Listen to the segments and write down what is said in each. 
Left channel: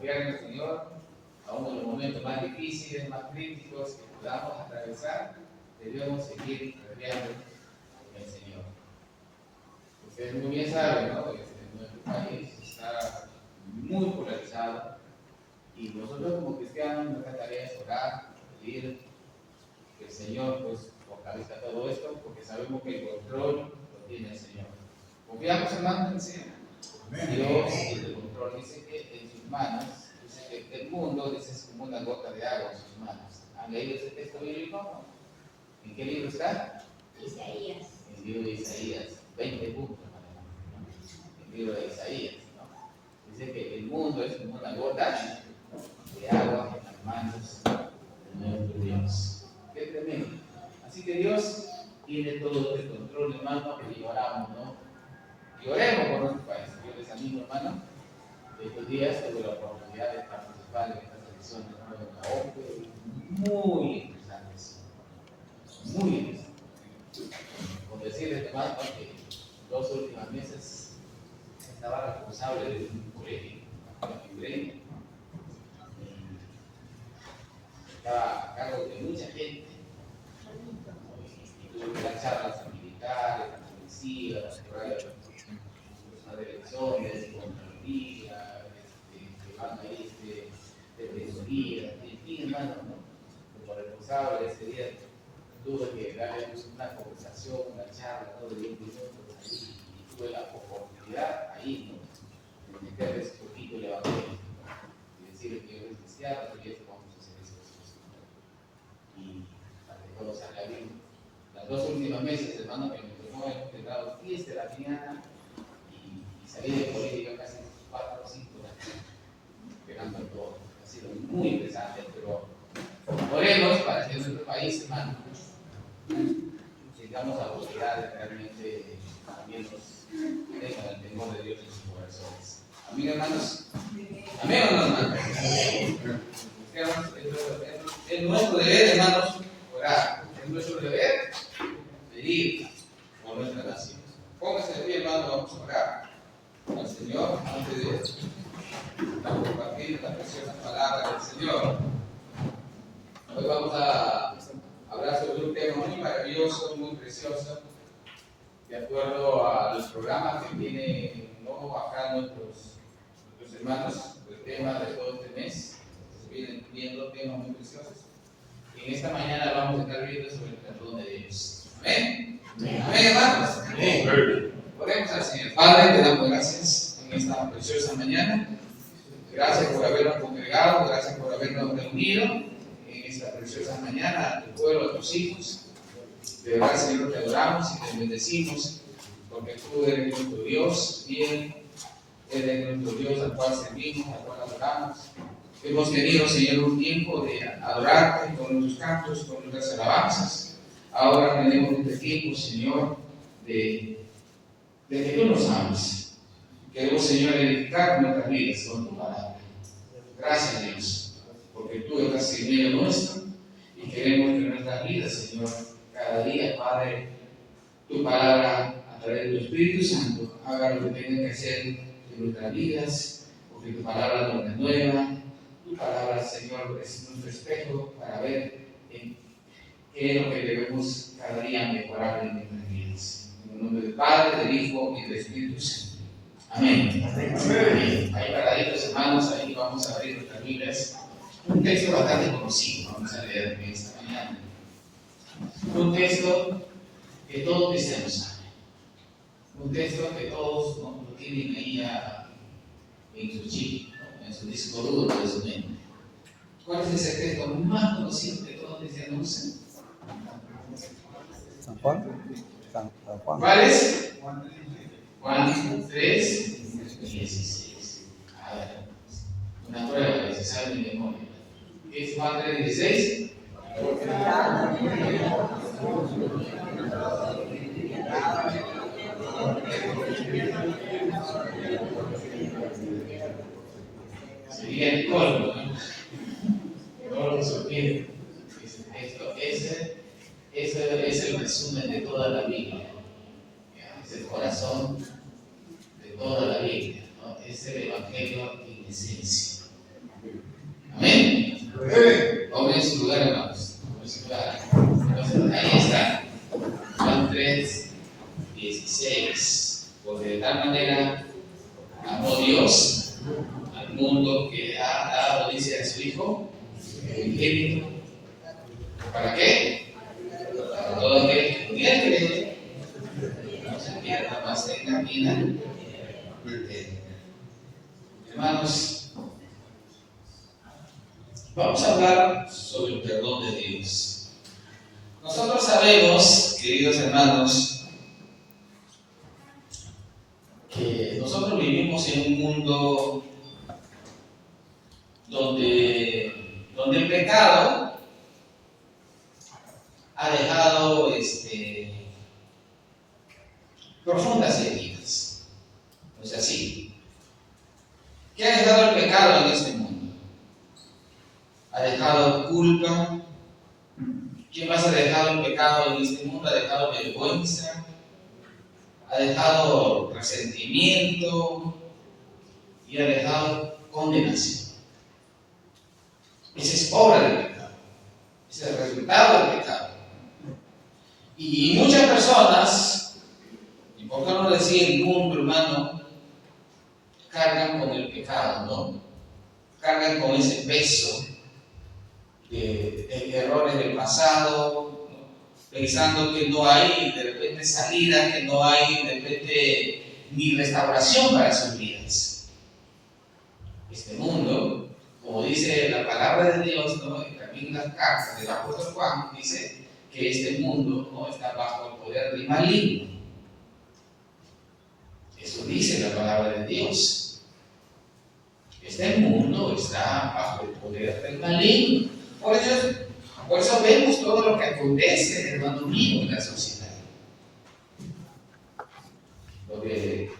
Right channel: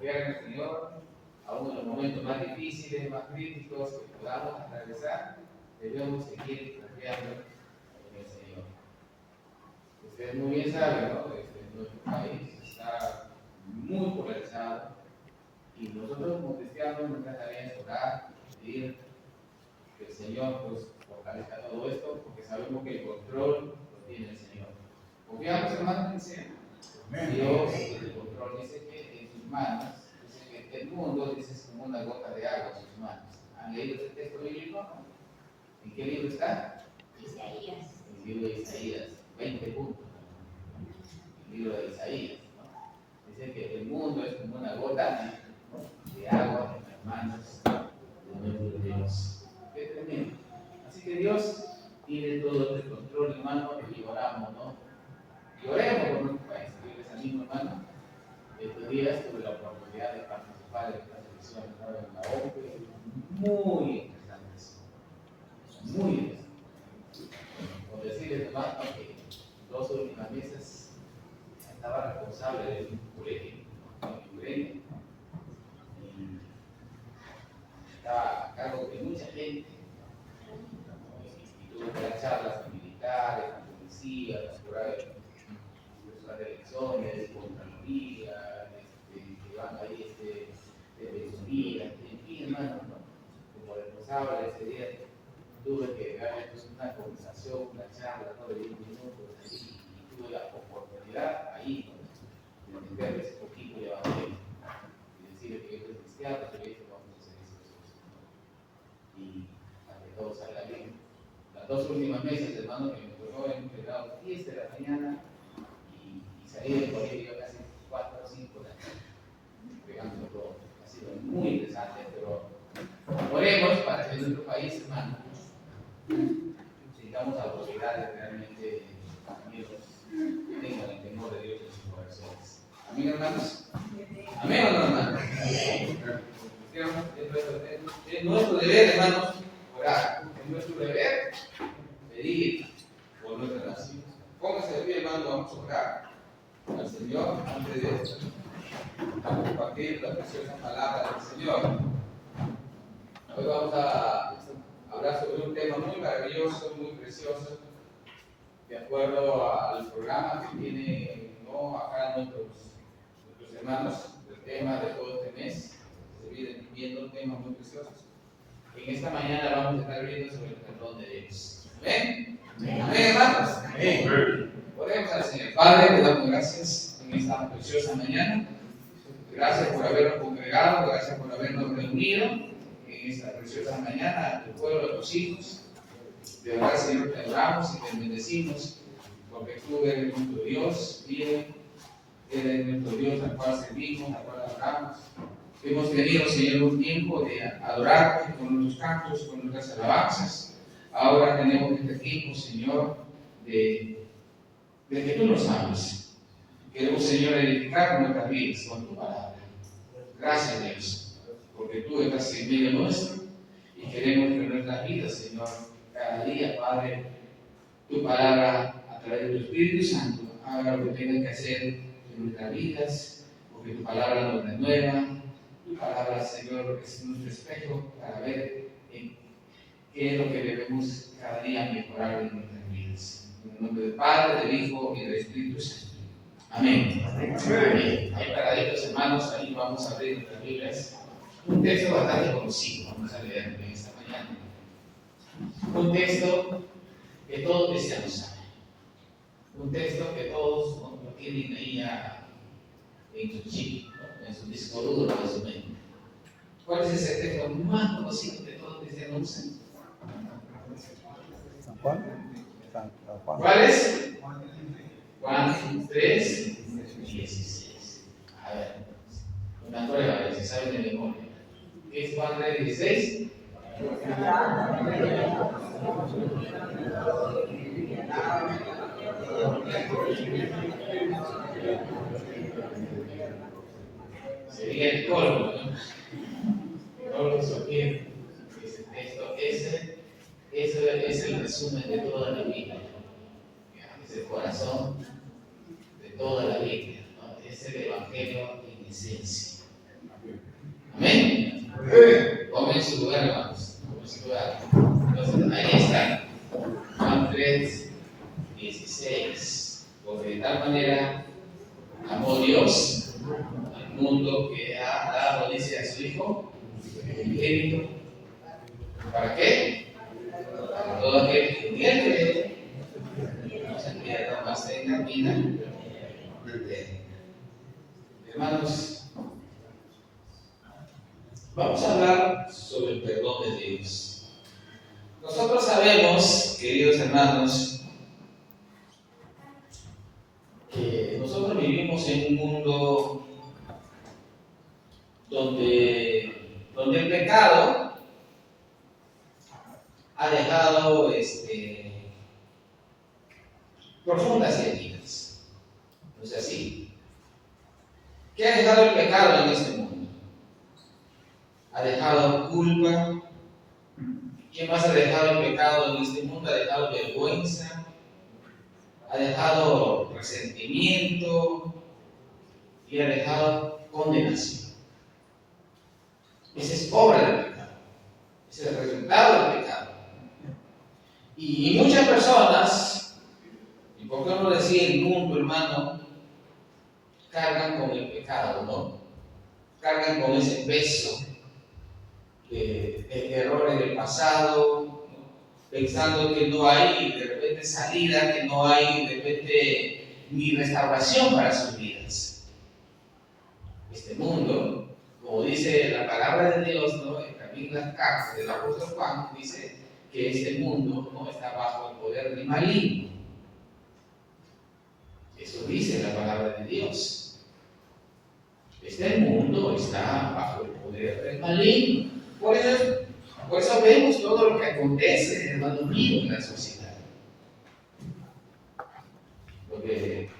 confiar en el Señor, aún en los momentos más difíciles, más críticos que podamos atravesar, debemos seguir confiando en el Señor. Ustedes muy bien saben, ¿no? Nuestro país está muy polarizado y nosotros como cristianos nuestra tarea es orar, pedir que el Señor pues fortalezca todo esto, porque sabemos que el control lo tiene el Señor. Confiamos, hermanos, en el Señor. Dios tiene el control, dice que en sus manos, dice que el mundo, dice, es como una gota de agua en sus manos. ¿Han leído ese texto bíblico? ¿No? ¿En qué libro está? Isaías. En el libro de Isaías, 20 puntos. El libro de Isaías, ¿no? Dice que el mundo es como una gota de agua en las manos de nuestro Dios. Qué tremendo. Así que Dios tiene todo el control, hermano, y oramos, ¿no? Y oremos por nuestro país. Yo les animo, hermano. Estos días tuve la oportunidad de participar en estas elecciones, ¿no? En la OPE, muy interesantes. Muy interesantes. Con decirles, hermano, que 2 últimas meses estaba responsable de un colegio, en Libre, y estaba a cargo de mucha gente, y tuve que dar charlas a militares, a policías, a las elecciones, Contraloría, que van ahí de tesorería, en fin, hermano, ¿no? Como responsable de ese día, tuve que darles una conversación, una charla, ¿no? De 10 minutos ahí, y tuve la oportunidad ahí, ¿no? De meterles un poquito el evangelio, y decirles que yo soy cristiano, que esto vamos a hacer eso, y para que todo salga bien. Las 2 últimas meses, hermano, que me tocó en un grado 10 de la mañana, y salí del colegio casi 4 o 5 horas, pegando todo. Ha sido muy interesante, pero oremos para que nuestro país, hermano, tengamos autoridades realmente también tengan el temor de Dios en sus corazones. ¿Amén, hermanos? ¿Amén o no, hermanos? Es nuestro deber, hermanos, orar. Es nuestro deber pedir por nuestra nación. Póngase de pie, hermano, vamos a orar al Señor antes de compartir la preciosa palabra del Señor. Hoy vamos a hablar sobre un tema muy maravilloso, muy precioso, de acuerdo al programa que tienen, ¿no? Acá nuestros hermanos, el tema de todo este mes. Se vienen viendo temas muy preciosos. En esta mañana vamos a estar viendo sobre el perdón de Dios. Amén. Amén, hermanos. Amén. Oremos al Señor. Padre, te damos gracias en esta preciosa mañana. Gracias por habernos congregado, gracias por habernos reunido en esta preciosa mañana a tu pueblo, a tus hijos. De verdad, Señor, te adoramos y te bendecimos, porque tú eres nuestro Dios, fiel, eres nuestro Dios al cual servimos, al cual adoramos. Hemos tenido, Señor, un tiempo de adorarte con nuestros cantos, con nuestras alabanzas. Ahora tenemos este tiempo, Señor, de que tú nos ames. Queremos, Señor, edificar nuestras vidas con tu palabra. Gracias, Dios, porque tú estás en medio nuestro y queremos que nuestras vidas, Señor, cada día, Padre, tu palabra a través de tu Espíritu Santo haga lo que tenga que hacer en nuestras vidas, porque tu palabra nos renueva. Tu palabra, Señor, es nuestro espejo para ver en qué es lo que debemos cada día mejorar en nuestras vidas. En el nombre del Padre, del Hijo y del Espíritu Santo. Amén. Amén. Ahí paraditos, hermanos, ahí vamos a abrir nuestras Biblias. Un texto bastante conocido, vamos a leer en esta mañana. Un texto que todos cristianos saben. Un texto que todos, ¿no?, lo tienen ahí en su chip, ¿no?, en su disco duro de su mente. ¿Cuál es ese texto más conocido que todos cristianos usan? San Juan. ¿Cuál es? Juan 3:16. A ver, una prueba, si saben de memoria. ¿Qué es Juan 3:16? Sería el colmo, ¿no? Todo lo que sugiere ese texto. Ese es el resumen de toda la Biblia. Es el corazón de toda la Biblia, ¿no? Es el Evangelio en esencia. Tome su lugar, hermanos. Tome su lugar. Entonces, ahí está. Juan 3:16. Porque de tal manera amó Dios al mundo que ha dado, dice, a su Hijo unigénito. ¿Para qué? Para todo aquel que en él cree, no se pierda, más tenga vida eterna. Hermanos, vamos a hablar sobre el perdón de Dios. Nosotros sabemos, queridos hermanos, que nosotros vivimos en un mundo donde el pecado ha dejado profundas heridas. ¿No es así? ¿Qué ha dejado el pecado en este mundo? Ha dejado culpa. ¿Qué más ha dejado el pecado en este mundo? Ha dejado vergüenza, ha dejado resentimiento y ha dejado condenación. Esa es obra del pecado, ese es el resultado del pecado. Y muchas personas, y por qué no decir el mundo, hermano, cargan con el pecado, ¿no? Cargan con ese peso de errores del pasado, ¿no? Pensando que no hay de repente salida, que no hay de repente ni restauración para sus vidas. Este mundo, como dice la palabra de Dios, ¿no? Y también las cartas del apóstol Juan, dice que este mundo no está bajo el poder del maligno. Eso dice la palabra de Dios. Este mundo está bajo el poder del maligno. Por eso vemos todo lo que acontece, hermano mío, en la sociedad. Porque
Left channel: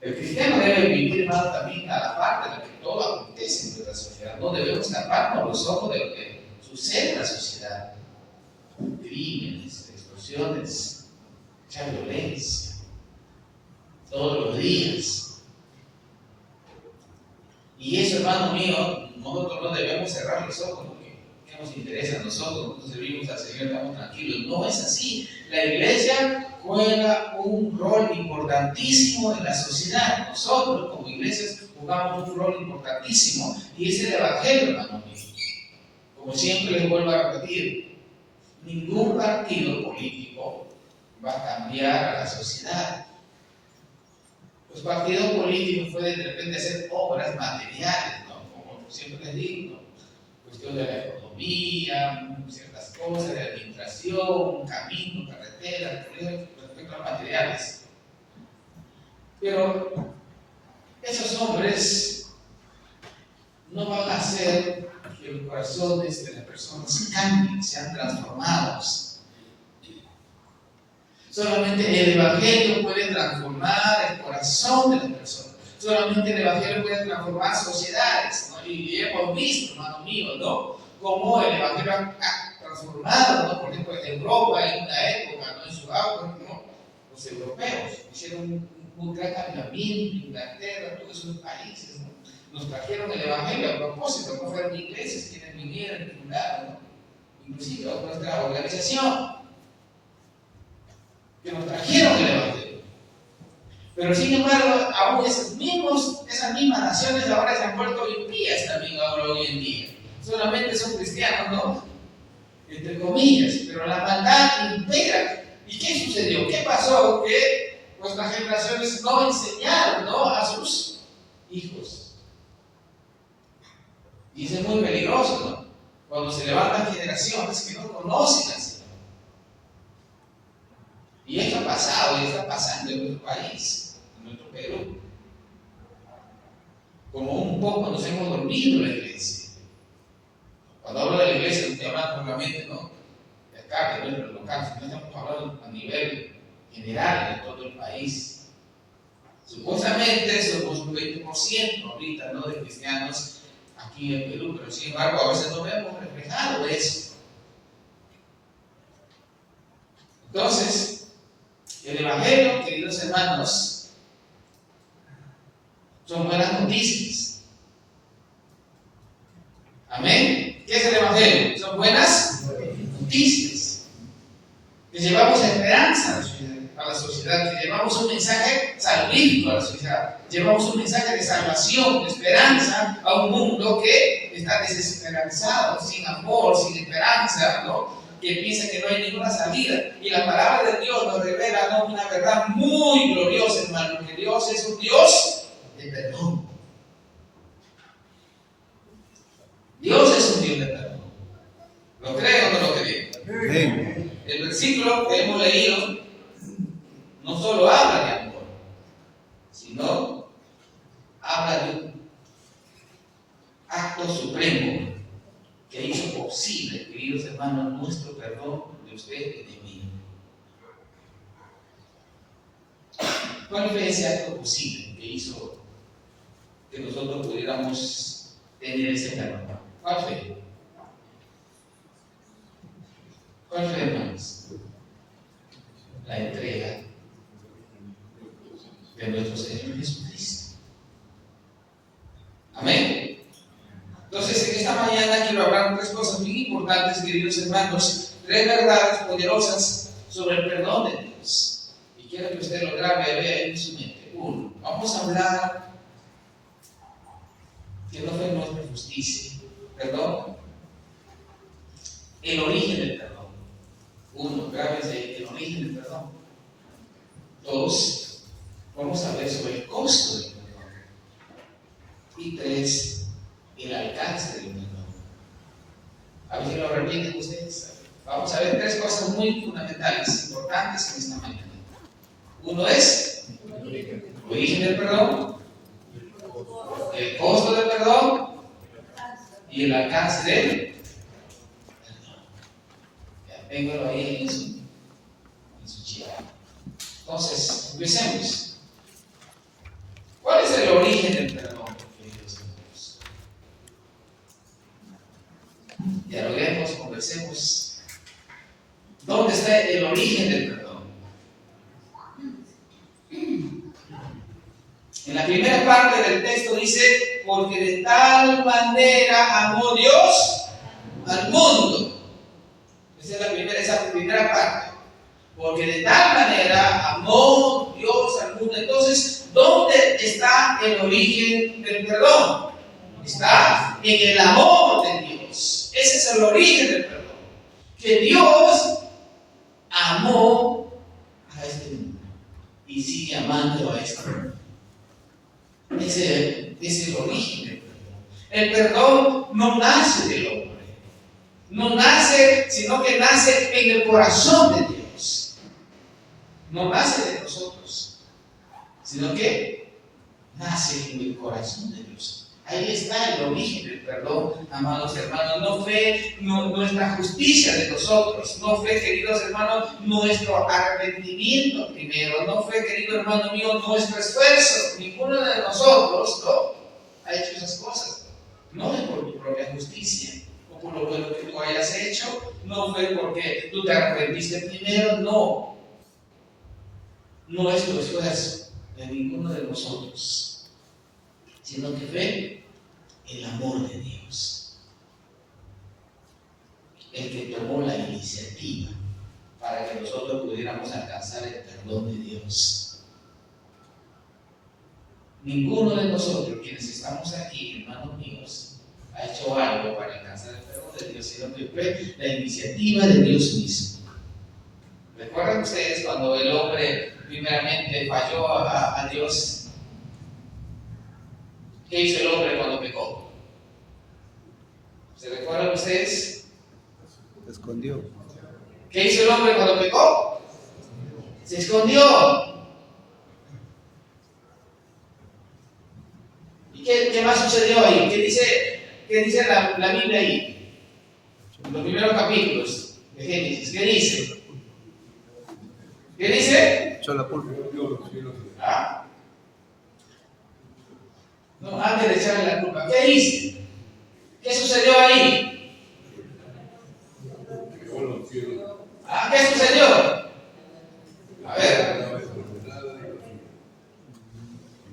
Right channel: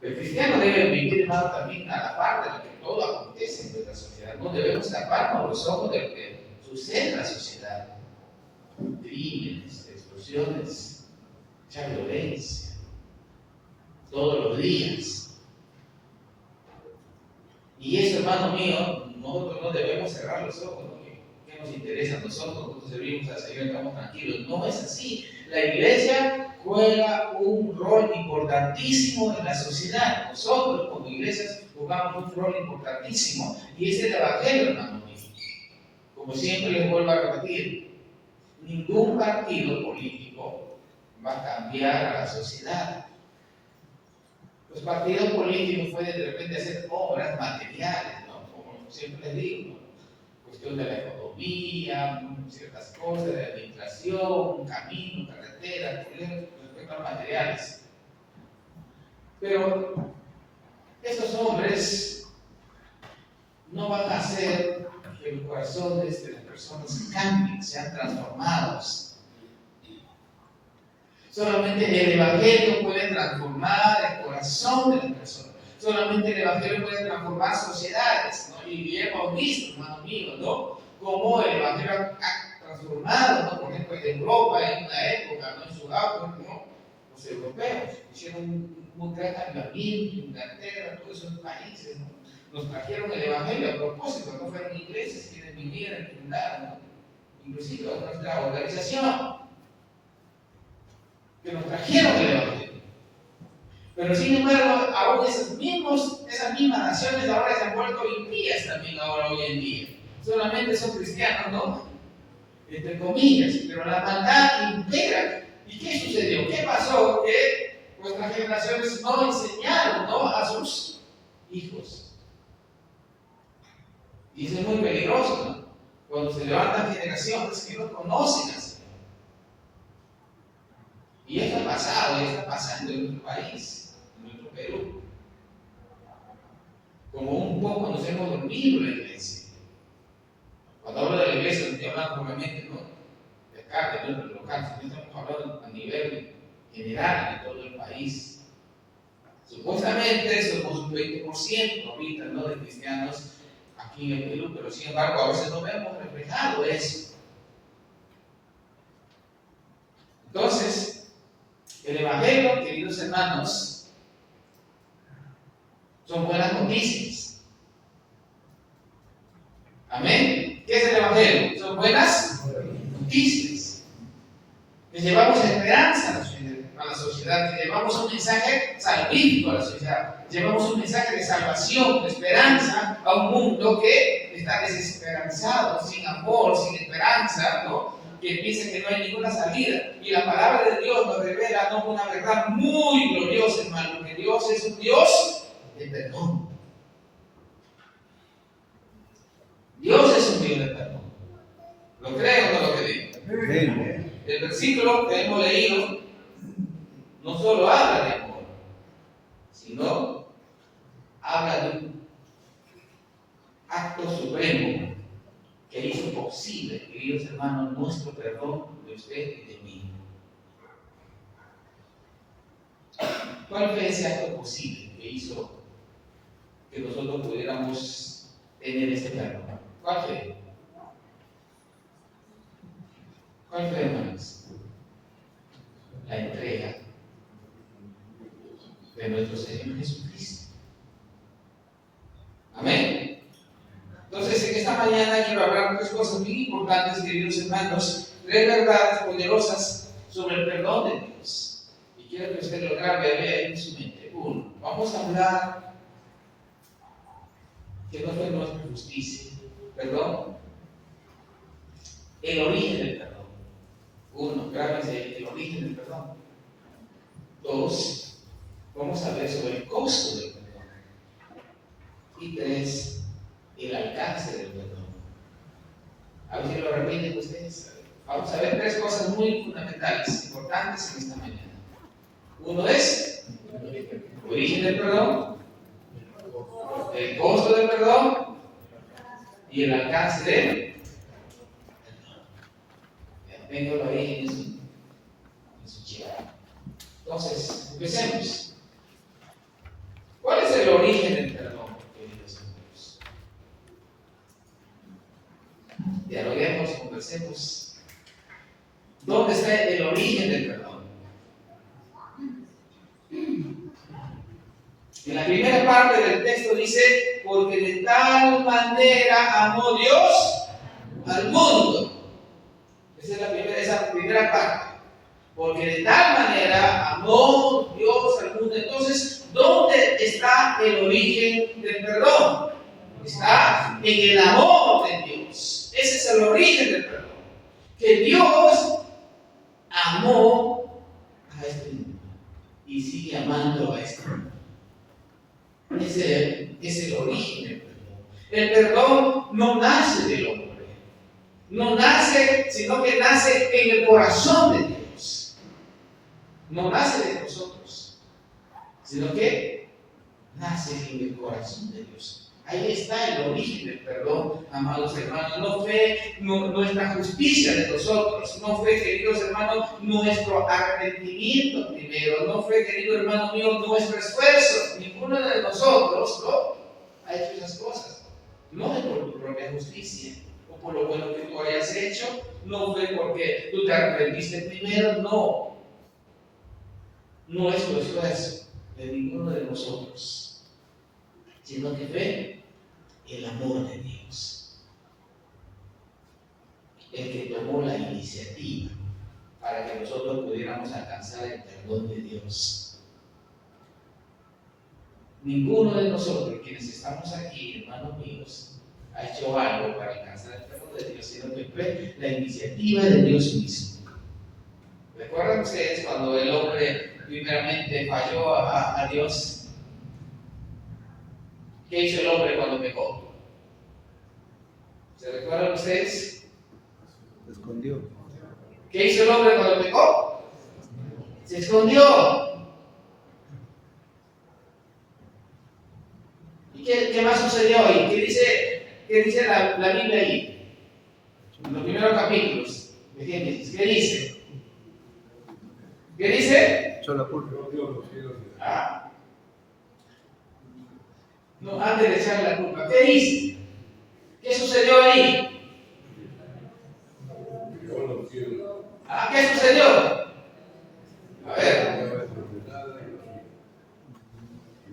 el cristiano debe vivir, hermano, también a la par de lo que todo acontece en nuestra sociedad. No debemos taparnos los ojos de lo que sucede en la sociedad. Crímenes, explosiones, mucha violencia, todos los días. Y eso, hermano mío, nosotros no debemos cerrar los ojos. ¿Qué nos interesa a nosotros? Nosotros servimos al Señor, estamos tranquilos. No es así. La iglesia juega un rol importantísimo en la sociedad. Nosotros, como iglesias, jugamos un rol importantísimo. Y es el evangelio, hermano mío. Como siempre les vuelvo a repetir, ningún partido político va a cambiar a la sociedad. Los partidos políticos pueden de repente hacer obras materiales, ¿no? Como siempre les digo, ¿no? Cuestión de la economía, ciertas cosas de administración, caminos, carreteras, colegios, respecto a materiales. Pero esos hombres no van a hacer que los corazones de las personas cambien, sean transformados. Solamente el Evangelio puede transformar el corazón de las personas. Solamente el Evangelio puede transformar sociedades, ¿no? Y hemos visto, hermano mío, ¿no? Cómo el Evangelio ha transformado, ¿no? Por ejemplo, en Europa, en una época, ¿no? En su auge, ¿no? Los europeos hicieron un gran avivamiento, Inglaterra, todos esos países, ¿no? Nos trajeron el Evangelio a propósito, no fueron ingleses quienes vinieron y fundaron, ¿no? Inclusive a nuestra organización, que nos trajeron el Evangelio. Pero sin embargo, aún esas mismas naciones ahora se han vuelto impías también ahora hoy en día. Solamente son cristianos, ¿no? Entre comillas, pero la maldad impera. ¿Y qué sucedió? ¿Qué pasó? Que nuestras generaciones no enseñaron, ¿no? A sus hijos. Y eso es muy peligroso, ¿no? Cuando se levantan generaciones que no conocen al Señor. Y esto ha pasado y está pasando en nuestro país, en nuestro Perú. Como un poco nos hemos dormido en la iglesia. Cuando hablo de la iglesia, no estoy hablando solamente, ¿no? De acá, de nuestro local, sino estamos hablando a nivel general de todo el país. Supuestamente somos un 20% ahorita, ¿no? De cristianos aquí en Perú, pero sin embargo a veces no vemos reflejado eso. Entonces, el Evangelio, queridos hermanos, son buenas noticias. Amén. ¿Qué ¿Qué es el Evangelio? Son buenas noticias. Que llevamos esperanza a la sociedad, que llevamos un mensaje salvífico a la sociedad, llevamos un mensaje de salvación, de esperanza a un mundo que está desesperanzado, sin amor, sin esperanza, ¿no? Que piensa que no hay ninguna salida. Y la palabra de Dios nos revela, ¿no?, una verdad muy gloriosa, hermano, que Dios es un Dios de perdón. Dios es un Dios de perdón. ¿Lo creen o no lo creen? El versículo que hemos leído no solo habla de amor, sino habla de un acto supremo que hizo posible, queridos hermanos, nuestro perdón de usted y de mí. ¿Cuál fue ese acto posible que hizo que nosotros pudiéramos tener ese perdón? ¿Cuál fue? ¿Cuál fue, hermanos? La entrega de nuestro Señor Jesucristo. Amén. Entonces, en esta mañana quiero hablar de tres cosas muy importantes, queridos hermanos, tres verdades poderosas sobre el perdón de Dios. Y quiero que usted lo grabe y vea en su mente. Uno, vamos a hablar que no fue nuestra justicia, perdón, el origen del perdón. Uno, grábense el origen del perdón. Dos, vamos a ver sobre el costo del perdón. Y tres, el alcance del perdón. A ver si lo repiten ustedes. Vamos a ver tres cosas muy fundamentales, importantes en esta mañana. Uno es el origen del perdón, el costo del perdón y el alcance del perdón. Téngalo ahí en su chica. Entonces, empecemos. ¿Cuál es el origen del perdón, queridos amigos? Dialoguemos, conversemos. ¿Dónde está el origen del perdón? En la primera parte del texto dice: porque de tal manera amó Dios al mundo. Esa es esa primera parte. Porque de tal manera amó Dios al mundo. Entonces, ¿dónde está el origen del perdón? Está en el amor de Dios. Ese es el origen del perdón. Que Dios amó a este mundo y sigue amando a este mundo. Ese es el origen del perdón. El perdón no nace del hombre. No nace, sino que nace en el corazón de Dios. No nace de nosotros, sino que nace en el corazón de Dios. Ahí está el origen del perdón, amados hermanos. No fue nuestra justicia de nosotros, no fue, queridos hermanos, nuestro arrepentimiento primero, no fue, querido hermano mío, nuestro esfuerzo. Ninguno de nosotros ha hecho esas cosas. No es por tu propia justicia o por lo bueno que tú hayas hecho, no fue porque tú te arrepentiste primero, no. No es tu esfuerzo de ninguno de nosotros, sino que fue el amor de Dios el que tomó la iniciativa para que nosotros pudiéramos alcanzar el perdón de Dios. Ninguno de nosotros, quienes estamos aquí, hermanos míos, ha hecho algo para alcanzar el perdón de Dios, sino que fue la iniciativa de Dios mismo. ¿Recuerdan ustedes cuando el hombre primeramente falló a Dios? ¿Qué hizo el hombre cuando pecó? ¿Se recuerdan ustedes? Se escondió. ¿Qué hizo el hombre cuando pecó? Se escondió. ¿Y qué más sucedió ahí? ¿Qué dice la Biblia ahí? En los primeros capítulos de Génesis. ¿Qué dice? ¿Qué dice? Echó la culpa. Ah. No, antes de echarle la culpa, ¿qué hice? ¿Qué sucedió ahí? ¿Qué sucedió? A ver.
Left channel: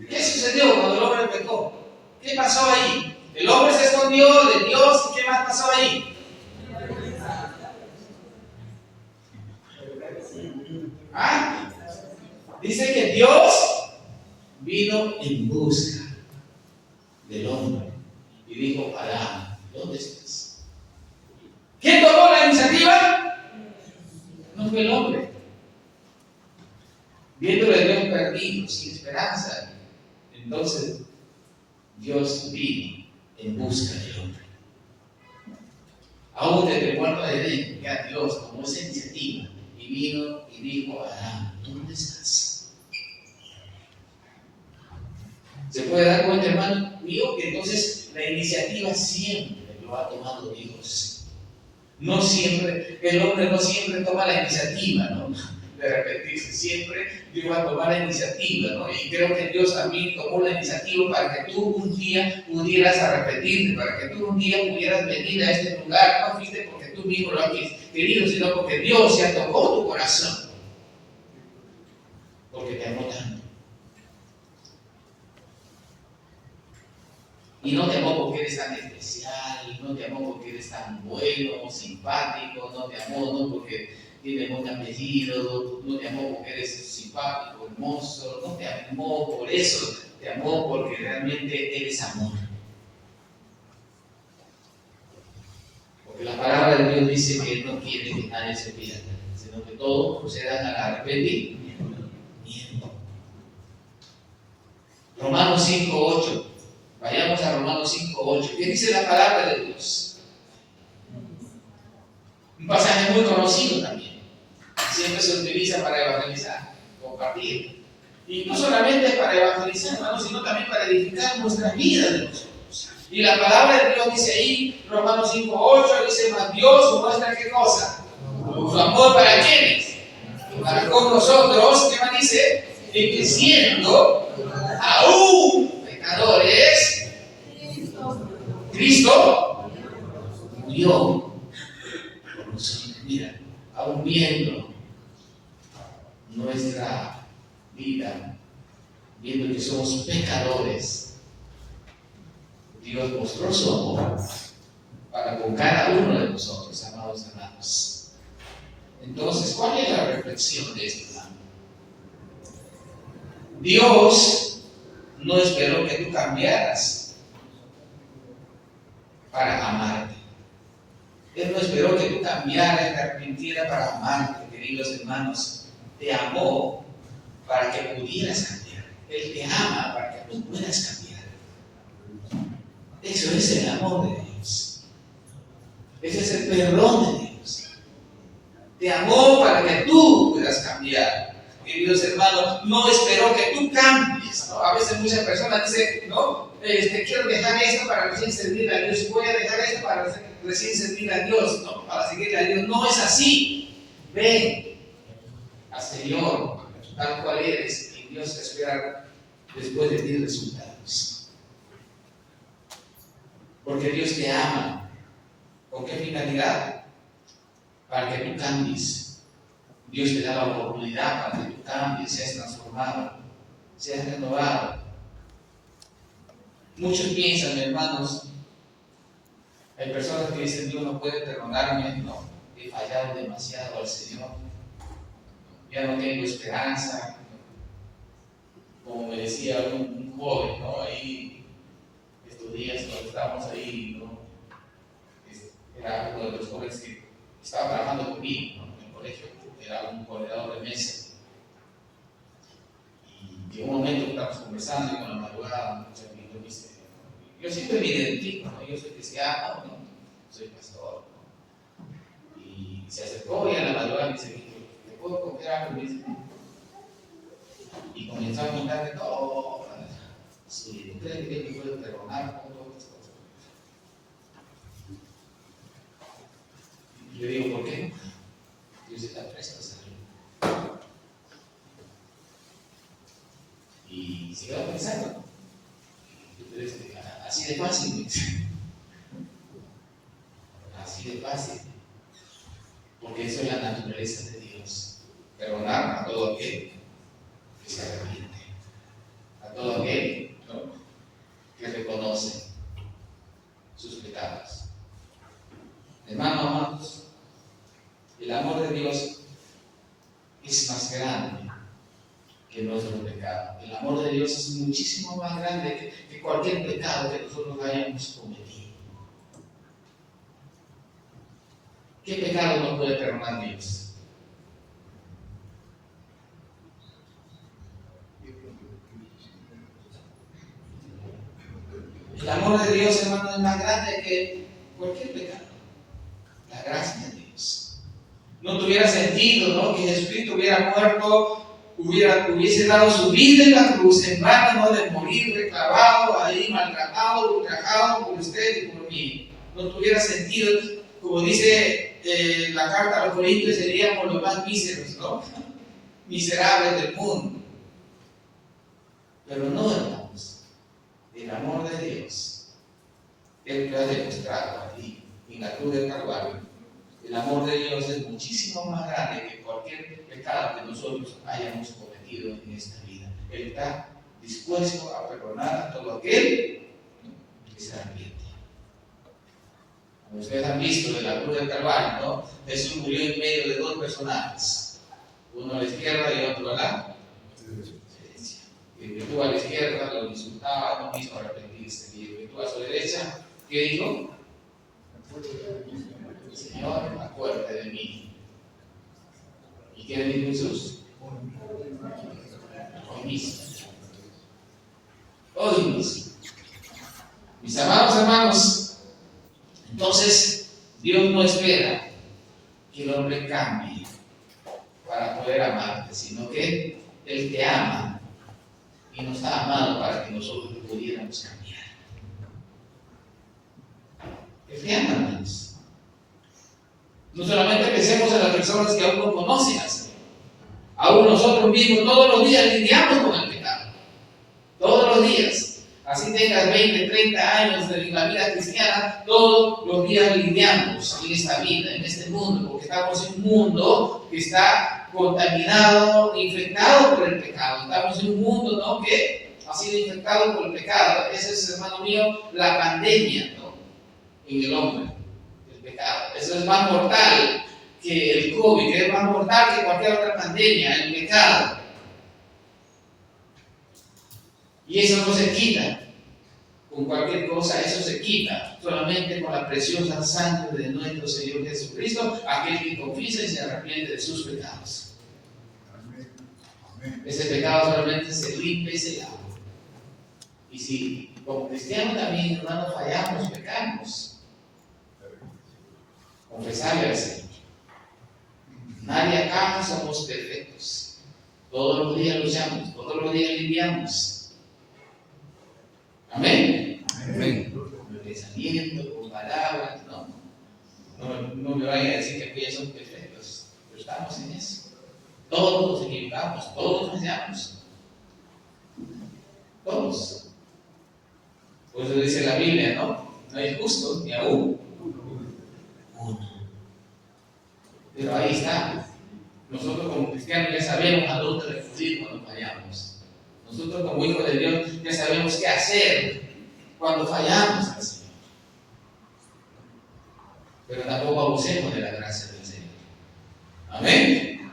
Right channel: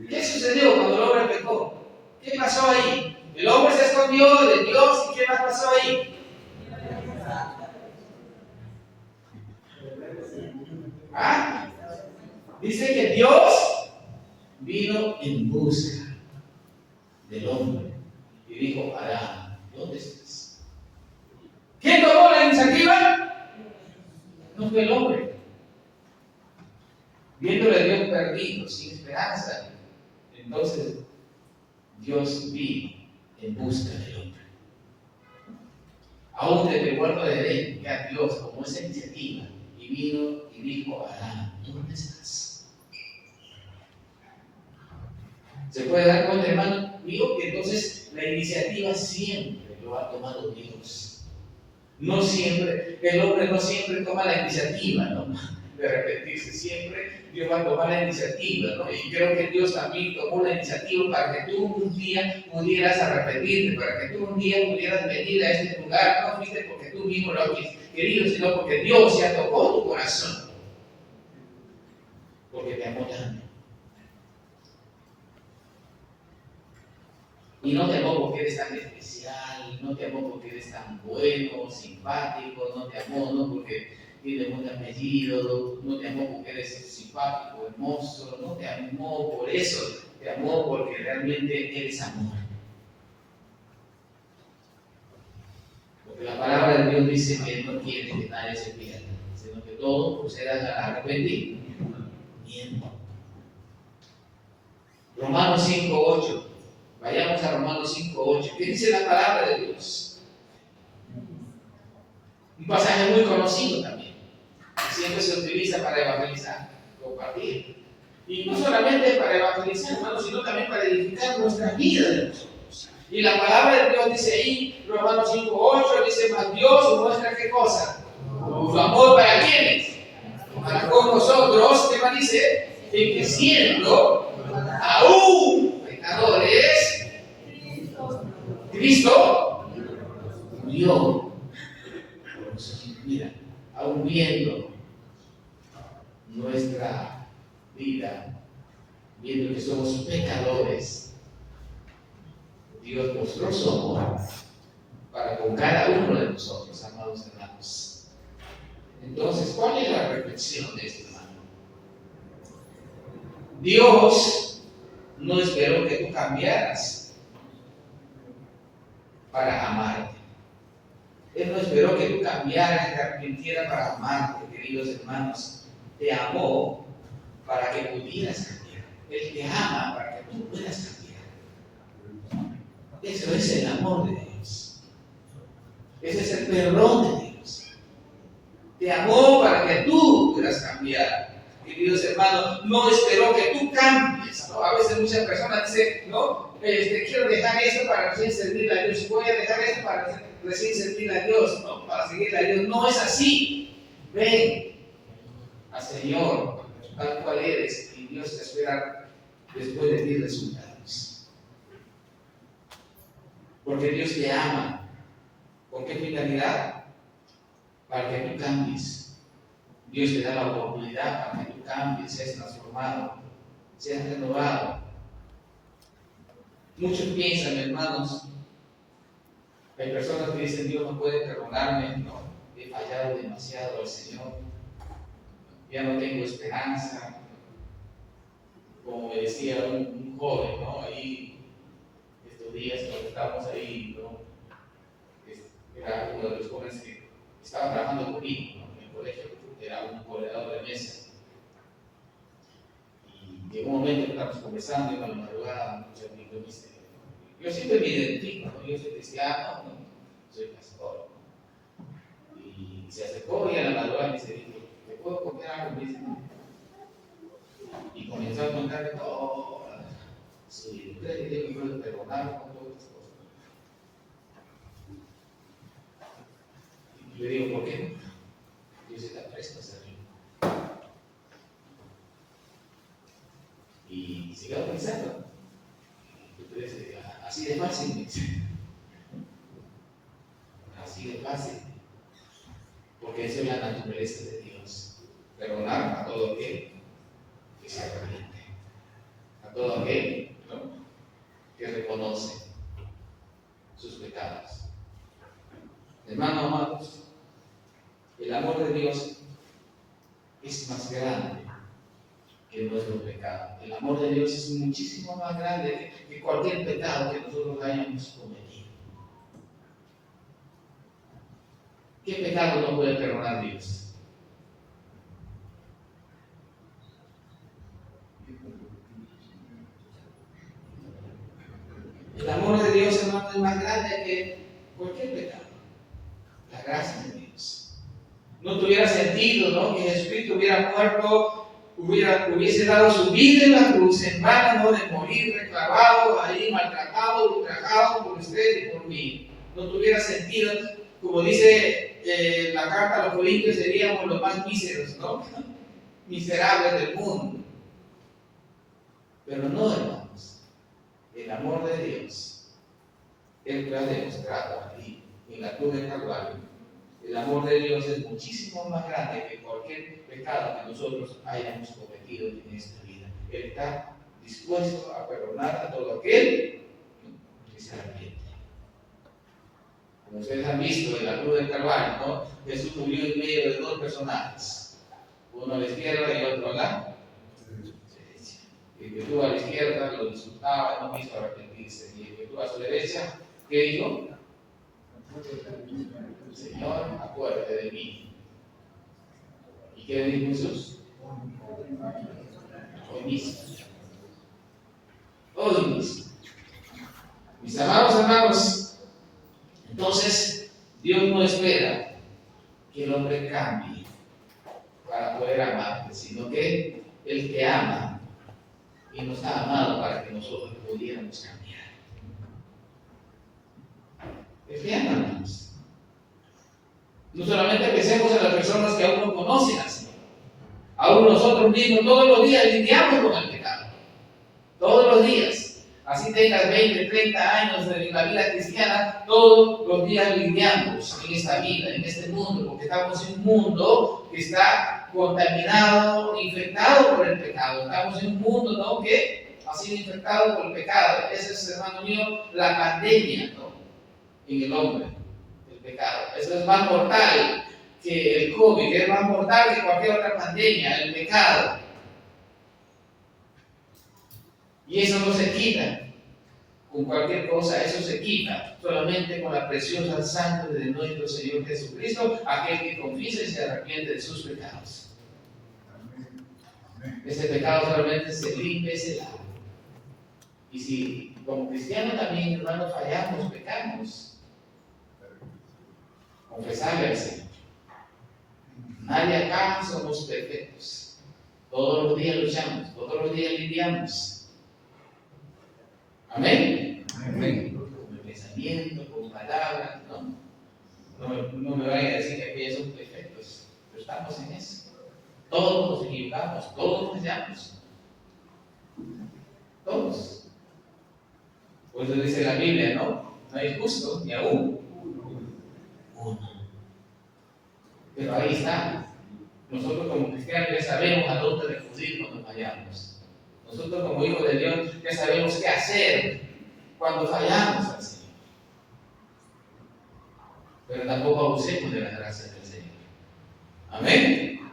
¿Qué sucedió cuando el hombre pecó? ¿Qué pasó ahí? El hombre se escondió. escondió de Dios. ¿Y qué más pasó ahí? ¿Ah? Dice que Dios vino en busca del hombre y dijo: Adán, ¿dónde estás? ¿Quién tomó la iniciativa? No fue el hombre. Viéndole a Dios perdido, sin esperanza, entonces Dios vino en busca del hombre. Aún desde el huerto de Edén, ya Dios tomó esa iniciativa y vino y dijo: Adán, ¿dónde estás? ¿Se puede dar cuenta, hermano mío, que entonces la iniciativa siempre lo ha tomado Dios? No siempre, el hombre no siempre toma la iniciativa, ¿no?, de arrepentirse. Siempre Dios va a tomar la iniciativa, ¿no? Y creo que Dios también tomó la iniciativa para que tú un día pudieras arrepentirte, para que tú un día pudieras venir a este lugar. No fuiste porque tú mismo lo has querido, sino porque Dios ya tocó tu corazón, porque te amó tanto. Y no te amó porque eres tan especial, no te amó porque eres tan bueno, simpático, no te amó no porque tienes buen apellido, no te amó porque eres simpático, hermoso, no te amó por eso, te amó porque realmente eres amor. Porque la palabra de Dios dice que Él no quiere que nadie se pierda, sino que todos procedan al arrepentimiento. Romanos 5:8. Vayamos a Romanos 5:8. ¿Qué dice la palabra de Dios? Un pasaje muy conocido también. Siempre se utiliza para evangelizar, compartir. Y no solamente para evangelizar, hermanos, sino también para edificar nuestra vida de nosotros. Y la palabra de Dios dice ahí, Romanos 5:8, dice: mas Dios muestra ¿qué cosa? Su amor para quienes, para con nosotros. ¿Qué más dice? En que siendo aún pecadores, Cristo murió por nosotros. Mira, aún viendo nuestra vida, viendo que somos pecadores, Dios mostró su amor para con cada uno de nosotros, amados hermanos. Entonces, ¿cuál es la reflexión de esto, hermano? Dios no esperó que tú cambiaras para amarte. Él no esperó que tú cambiaras y te arrepintieras para amarte, queridos hermanos. Te amó para que pudieras cambiar. Él te ama para que tú puedas cambiar. Eso es el amor de Dios. Ese es el perdón de Dios. Te amó para que tú puedas cambiar. Queridos hermanos, no esperó que tú cambies, ¿no? A veces muchas personas dicen: no, quiero dejar esto para recién servir a Dios, voy a dejar esto para recién servir a Dios, ¿no?, para seguir a Dios. No es así. Ven al Señor tal cual eres y Dios espera después de ti resultados. Porque Dios te ama. ¿Con qué finalidad? Para que tú cambies. Dios te da la oportunidad para que tú cambies, seas transformado, seas renovado. Muchos piensan, hermanos, hay personas que dicen: Dios no puede perdonarme, no, he fallado demasiado al Señor, ya no tengo esperanza. Como me decía un joven, ¿no?, ahí estos días cuando estábamos ahí, ¿no?, era uno de los jóvenes que estaba trabajando conmigo, ¿no?, en el colegio, era un corredor de mesa. Y en un momento que estábamos conversando, y con la madrugada, muchos amigos me dicen: yo siempre me identifico, ¿no?, yo soy cristiano, ¿no?, soy pastor, ¿no? Y se acercó y a la madrugada me dice: ¿te puedo contar algo? Me dice. Y comenzó a contarme todo. Sí, ¿usted cree que puede perdonar con todas estas cosas? Y yo digo: ¿por qué? Dios está presto a servir. Y se quedó pensando. Así de fácil. Así de fácil. Porque eso es la naturaleza de Dios. Perdonar a todo aquel que se arrepiente. A todo aquel, ¿no?, que reconoce sus pecados. Hermanos amados, el amor de Dios es más grande que nuestro pecado. El amor de Dios es muchísimo más grande que cualquier pecado que nosotros hayamos cometido. ¿Qué pecado no puede perdonar Dios? El amor de Dios, hermano, es más grande que cualquier pecado. La gracia de Dios. No tuviera sentido, ¿no?, que Jesucristo hubiera muerto, hubiese dado su vida en la cruz en vano, ¿no?, de morir reclavado, ahí maltratado, ultrajado por usted y por mí. No tuviera sentido. Como dice la carta a los Corintios, seríamos los más míseros, ¿no? Miserables del mundo. Pero no, hermanos. El amor de Dios, Él lo ha demostrado ahí, en la cruz del Calvario. El amor de Dios es muchísimo más grande que cualquier pecado que nosotros hayamos cometido en esta vida. Él está dispuesto a perdonar a todo aquel que se arrepiente. Como ustedes han visto en la cruz del Calvario, ¿no?, Jesús murió en medio de dos personajes, uno a la izquierda y otro a la derecha. Y el que estuvo a la izquierda lo insultaba, no quiso arrepentirse. Y el que estuvo a su derecha, ¿qué dijo? Señor, acuérdate de mí. ¿Y qué dijo Jesús? Hoy mismo. Hoy mismo. Mis amados hermanos, entonces Dios no espera que el hombre cambie para poder amarte, sino que Él te ama y nos ha amado para que nosotros pudiéramos cambiar. Él te ama, hermanos. No solamente pensemos en las personas que aún no conocen al Señor. Aún nosotros mismos todos los días lidiamos con el pecado. Todos los días. Así tengas 20, 30 años en la vida cristiana, todos los días lidiamos en esta vida, en este mundo, porque estamos en un mundo que está contaminado, infectado por el pecado. Estamos en un mundo, ¿no?, que ha sido infectado por el pecado. Esa es, hermano mío, la pandemia, ¿no?, en el hombre. Pecado. Eso es más mortal que el COVID, que es más mortal que cualquier otra pandemia, el pecado. Y eso no se quita con cualquier cosa, eso se quita solamente con la preciosa sangre de nuestro Señor Jesucristo, aquel que confiesa y se arrepiente de sus pecados. Ese pecado solamente se limpia y se lava. Y si como cristianos también, hermanos, fallamos, pecamos, confesarle al Señor. Nadie acá somos perfectos. Todos los días luchamos, todos los días lidiamos. Amén. Amén. Con pensamiento, con palabras, no me vayan a decir que aquellos son perfectos, pero estamos en eso. Todos nos equivocamos, todos fallamos. Todos. Por eso dice la Biblia, ¿no? No hay justo ni aún uno. Pero ahí está. Nosotros como cristianos ya sabemos a dónde recurrir cuando fallamos. Nosotros como hijos de Dios ya sabemos qué hacer cuando fallamos al Señor. Pero tampoco abusemos de la gracia del Señor. Amén.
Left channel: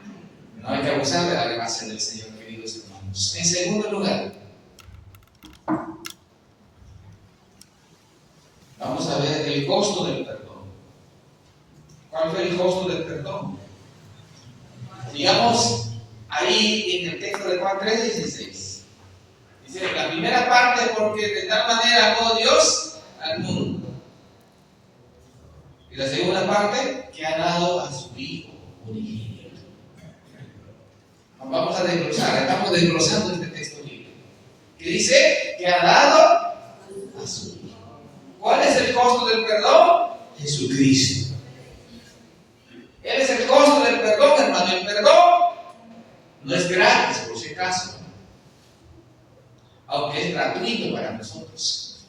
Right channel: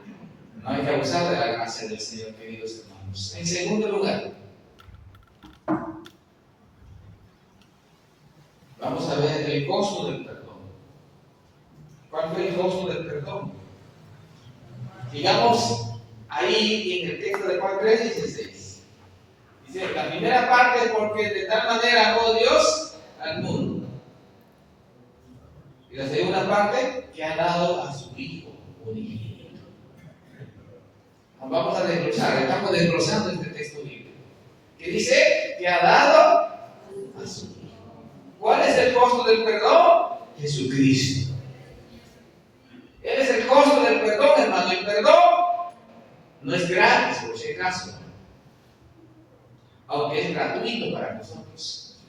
No hay que abusar de la gracia del Señor, queridos hermanos. En segundo lugar, vamos a ver el costo del perdón. ¿Cuál fue el costo del perdón? Digamos, ahí en el texto de Juan 3:16. Dice, la primera parte, porque de tal manera amó Dios al mundo. Y la segunda parte, que ha dado a su Hijo unigénito. Vamos a desglosar, estamos desglosando este texto bíblico. Que dice, que ha dado a su Hijo. ¿Cuál es el costo del perdón? Jesucristo. Él es el costo del perdón, hermano. El perdón no es gratis, por si acaso, aunque es gratuito para nosotros.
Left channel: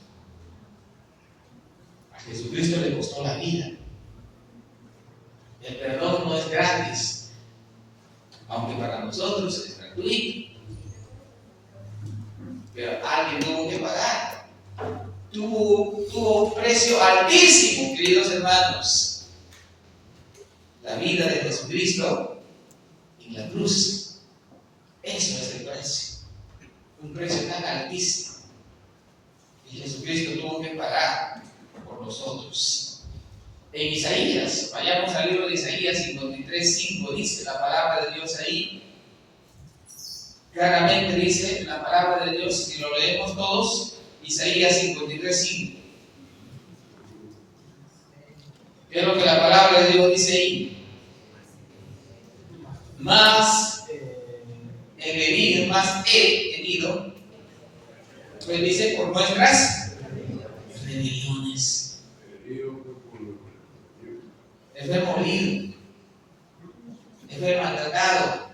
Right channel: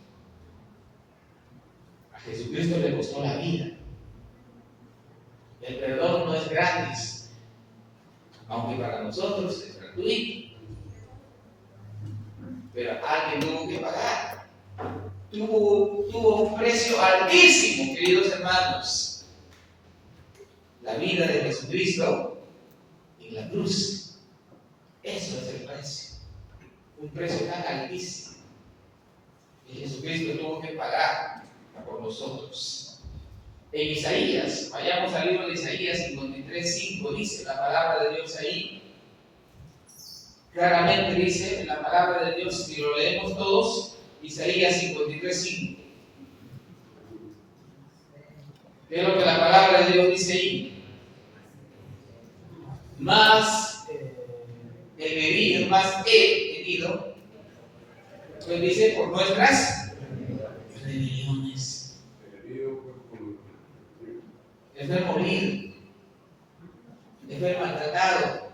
A Jesucristo le costó la vida. El perdón no es gratis, aunque para nosotros es gratuito. Pero alguien tuvo que pagar. tuvo un precio altísimo, queridos hermanos. La vida de Jesucristo en la cruz. Eso es el precio. Un precio tan altísimo. Y Jesucristo tuvo que pagar por nosotros. En Isaías, vayamos al libro de Isaías 53:5, dice la palabra de Dios ahí. Claramente dice la palabra de Dios, si lo leemos todos, Isaías 53:5. ¿Qué es lo que la palabra de Dios dice ahí? Más he herido, pues dice por nuestras rebeliones. Él fue molido, él fue maltratado,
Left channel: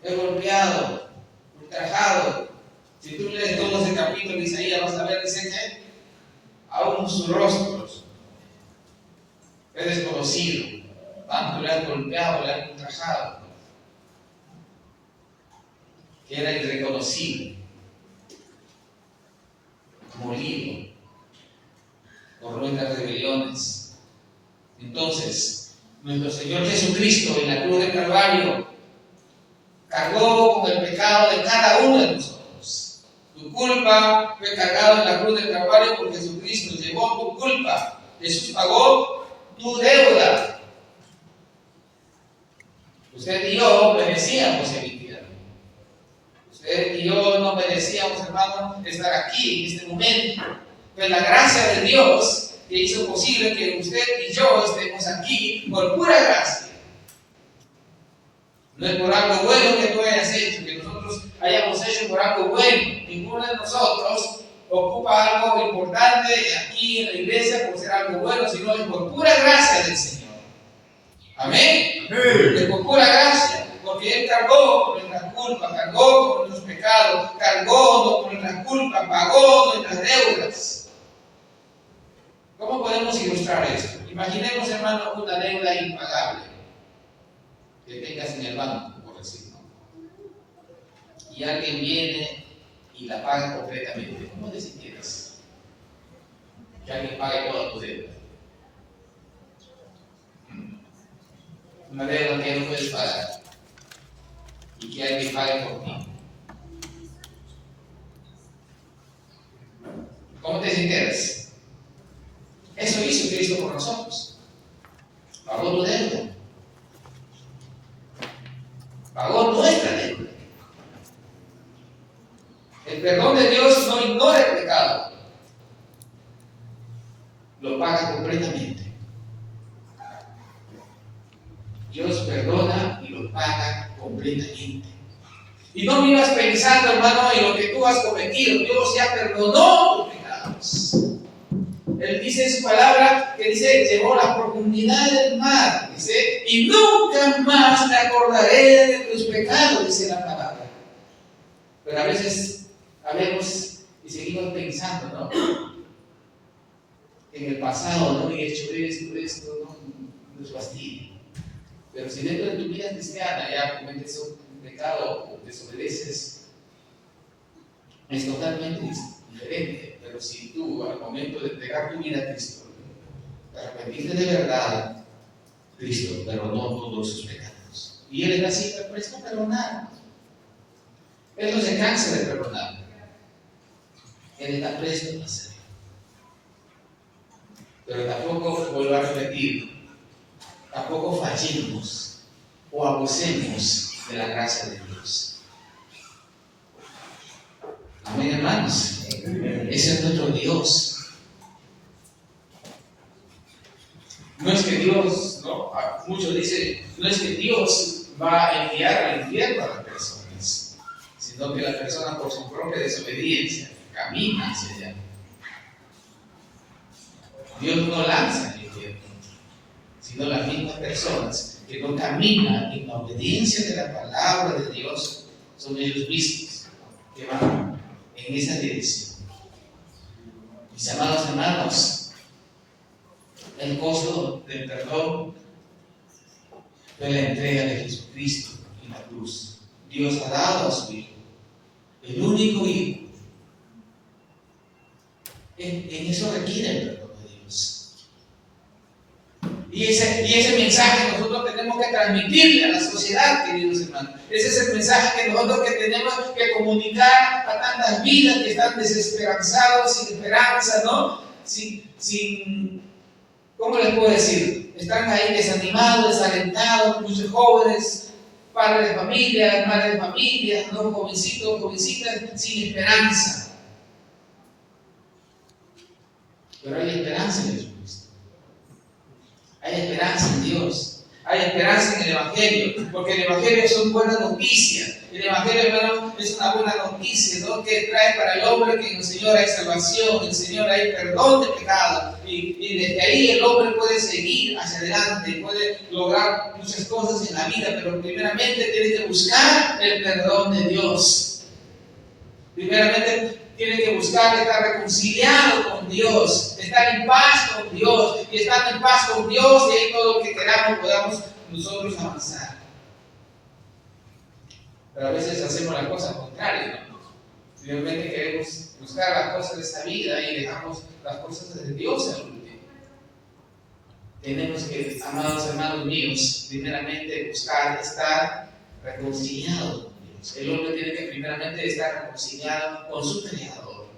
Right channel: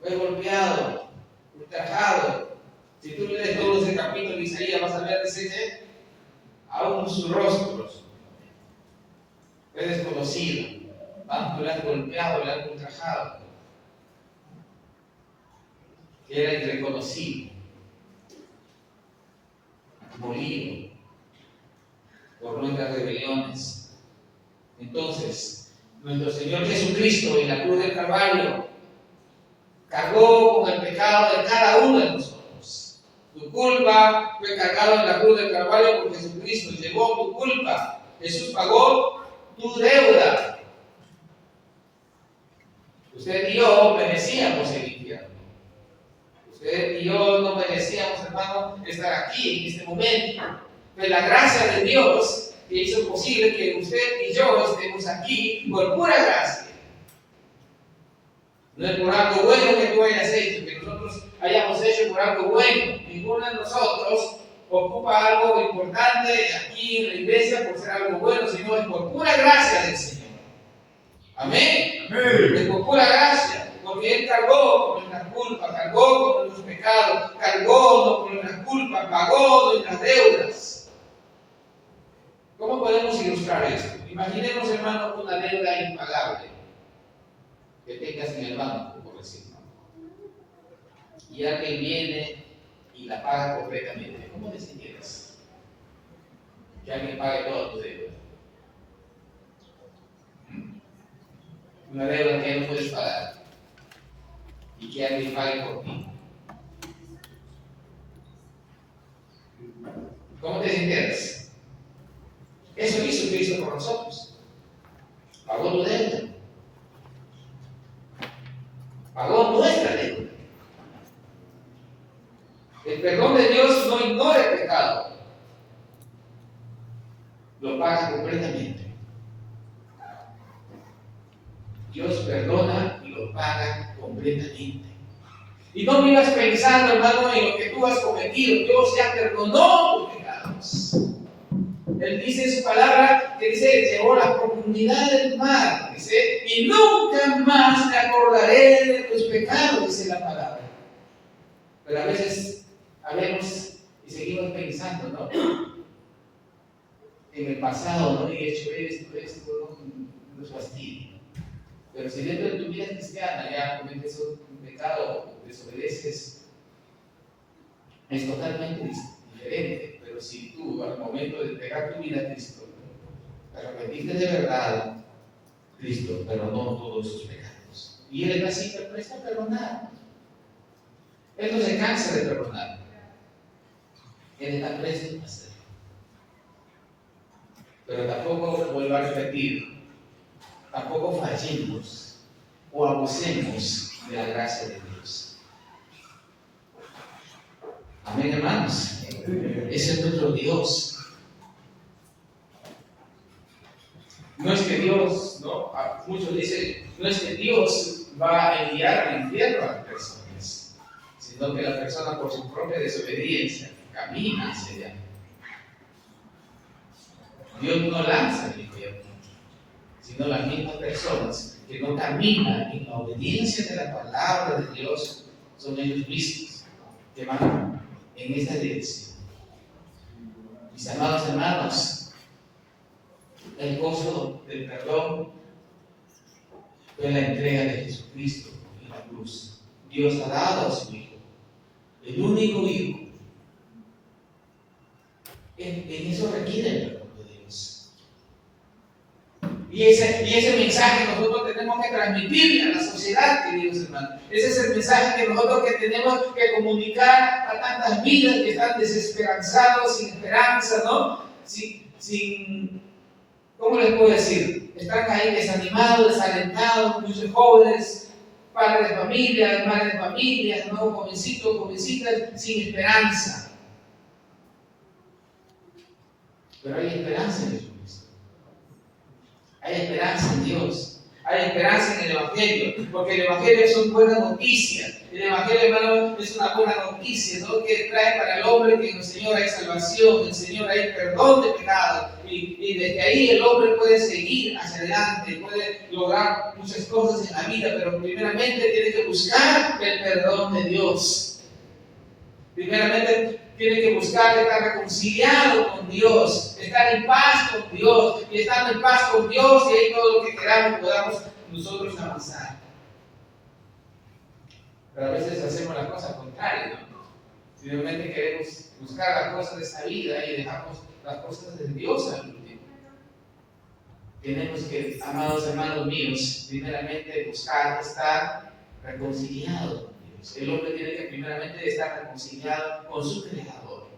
fue golpeado, ultrajado. Si tú lees todo ese capítulo de Isaías, vas a ver, dice que aún sus rostros fue desconocido, tanto le han golpeado, le han ultrajado, que era irreconocible, molido por nuestras rebeliones. Entonces, nuestro Señor Jesucristo en la cruz del Calvario cargó con el pecado de cada uno de nosotros. Tu culpa fue cargada en la cruz del Calvario por Jesucristo, llevó tu culpa. Jesús pagó tu deuda. Usted y yo merecíamos el infierno. Usted y yo no merecíamos, hermano, estar aquí en este momento. Pero la gracia de Dios que hizo posible que usted y yo estemos aquí por pura gracia. No es por algo bueno que tú hayas hecho, que nosotros hayamos hecho por algo bueno. Ninguno de nosotros ocupa algo importante aquí en la iglesia por ser algo bueno, sino es por pura gracia del Señor. Amén. Es por pura gracia, porque Él cargó con nuestras culpas, cargó con nuestros pecados, cargó con nuestras culpas, pagó nuestras deudas. ¿Cómo podemos ilustrar esto? Imaginemos, hermano, una deuda impagable que tengas en el banco, por decirlo. Y alguien viene y la paga completamente. ¿Cómo te sintieras? Que alguien pague toda tu deuda. Una deuda que no puedes pagar y que alguien pague por ti. ¿Cómo te sintieras? Eso hizo Cristo por nosotros. Pagó tu deuda. Pagó nuestra deuda. El perdón de Dios no ignora el pecado. Lo paga completamente. Dios perdona y lo paga completamente. Y no vivas pensando, hermano, en lo que tú has cometido. Dios ya perdonó tus pecados. Él dice en su palabra que dice, llevó la profundidad del mar, dice, y nunca más me acordaré de tus pecados, dice la palabra. Pero a veces hablemos y seguimos pensando, ¿no? En el pasado, ¿no? Y he hecho esto, ¿no? Nos fastidia. Pero si dentro de tu vida cristiana ya cometes un pecado o desobedeces, es totalmente diferente. Pero si tú, al momento de entregar tu vida a Cristo, te arrepentiste de verdad, Cristo perdonó todos sus pecados. Y Él es así, presto a perdonar. Él no se cansa de perdonar. Él está presto a hacerlo. Pero tampoco, vuelvo a repetir, tampoco fallemos o abusemos de la gracia de Dios. Amén, hermanos. Ese es nuestro Dios. No es que Dios, ¿no? Muchos dicen, no es que Dios va a enviar al infierno a las personas, sino que la persona por su propia desobediencia camina hacia allá. Dios no lanza al infierno, sino las mismas personas que no caminan en la obediencia de la palabra de Dios, son ellos mismos que van en esa dirección. Mis amados hermanos, el costo del perdón fue la entrega de Jesucristo en la cruz. Dios ha dado a su Hijo, el único Hijo. en eso requiere el perdón de Dios. Y ese mensaje nosotros tenemos que transmitirle a la sociedad, queridos hermanos. Ese es el mensaje que nosotros tenemos que comunicar a tantas vidas que están desesperanzados, sin esperanza, ¿no? ¿Cómo les puedo decir? Están ahí desanimados, desalentados, muchos jóvenes, padres de familia, madres de familia, ¿no? Jovencitos, jovencitas, sin esperanza. Pero hay esperanza en Jesucristo. Hay esperanza en Dios. Hay esperanza en el Evangelio. Porque el Evangelio es una buena noticia. El Evangelio, hermano, es una buena noticia, ¿no? Que trae para el hombre que en el Señor hay salvación, en el Señor hay perdón de pecados. Y desde ahí el hombre puede seguir hacia adelante, puede lograr muchas cosas en la vida. Pero primeramente tiene que buscar el perdón de Dios. Primeramente tiene que buscar estar reconciliado con Dios, estar en paz con Dios, y estando en paz con Dios, y ahí todo lo que queramos podamos nosotros avanzar. Pero a veces hacemos la cosa contraria, ¿no? Finalmente queremos buscar las cosas de esta vida y dejamos las cosas de Dios al último. Tenemos que, amados hermanos míos, primeramente buscar estar reconciliados con Dios. El hombre tiene que primeramente estar reconciliado con su Creador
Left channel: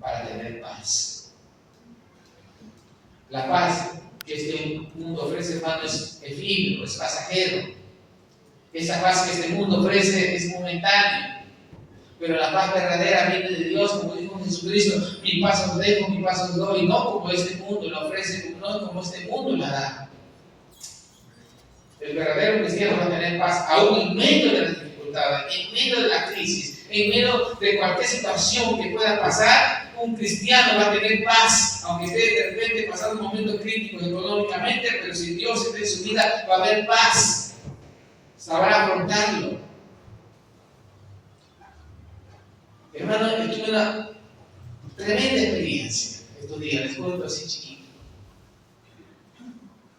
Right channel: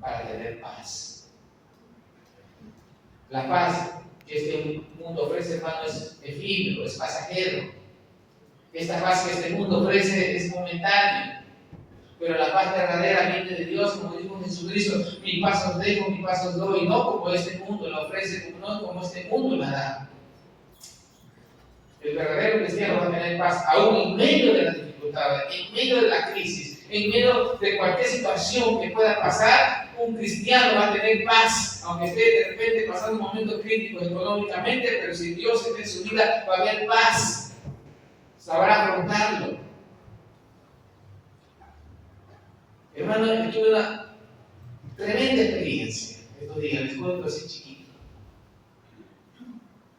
para tener paz. La paz que este mundo ofrece, hermano, es efímero, es pasajero. Esa paz que este mundo ofrece es momentánea. Pero la paz verdadera viene de Dios, como dijo Jesucristo: mi paz os dejo, mi paz os doy, no como este mundo la ofrece, no como este mundo la da. El verdadero cristiano va a tener paz aún en medio de las dificultades, en medio de la crisis, en medio de cualquier situación que pueda pasar. Un cristiano va a tener paz, aunque esté de repente pasando momentos críticos económicamente, pero si Dios está en su vida, va a haber paz, sabrá afrontarlo. Hermano, yo tuve una tremenda experiencia estos días, les cuento así chiquito.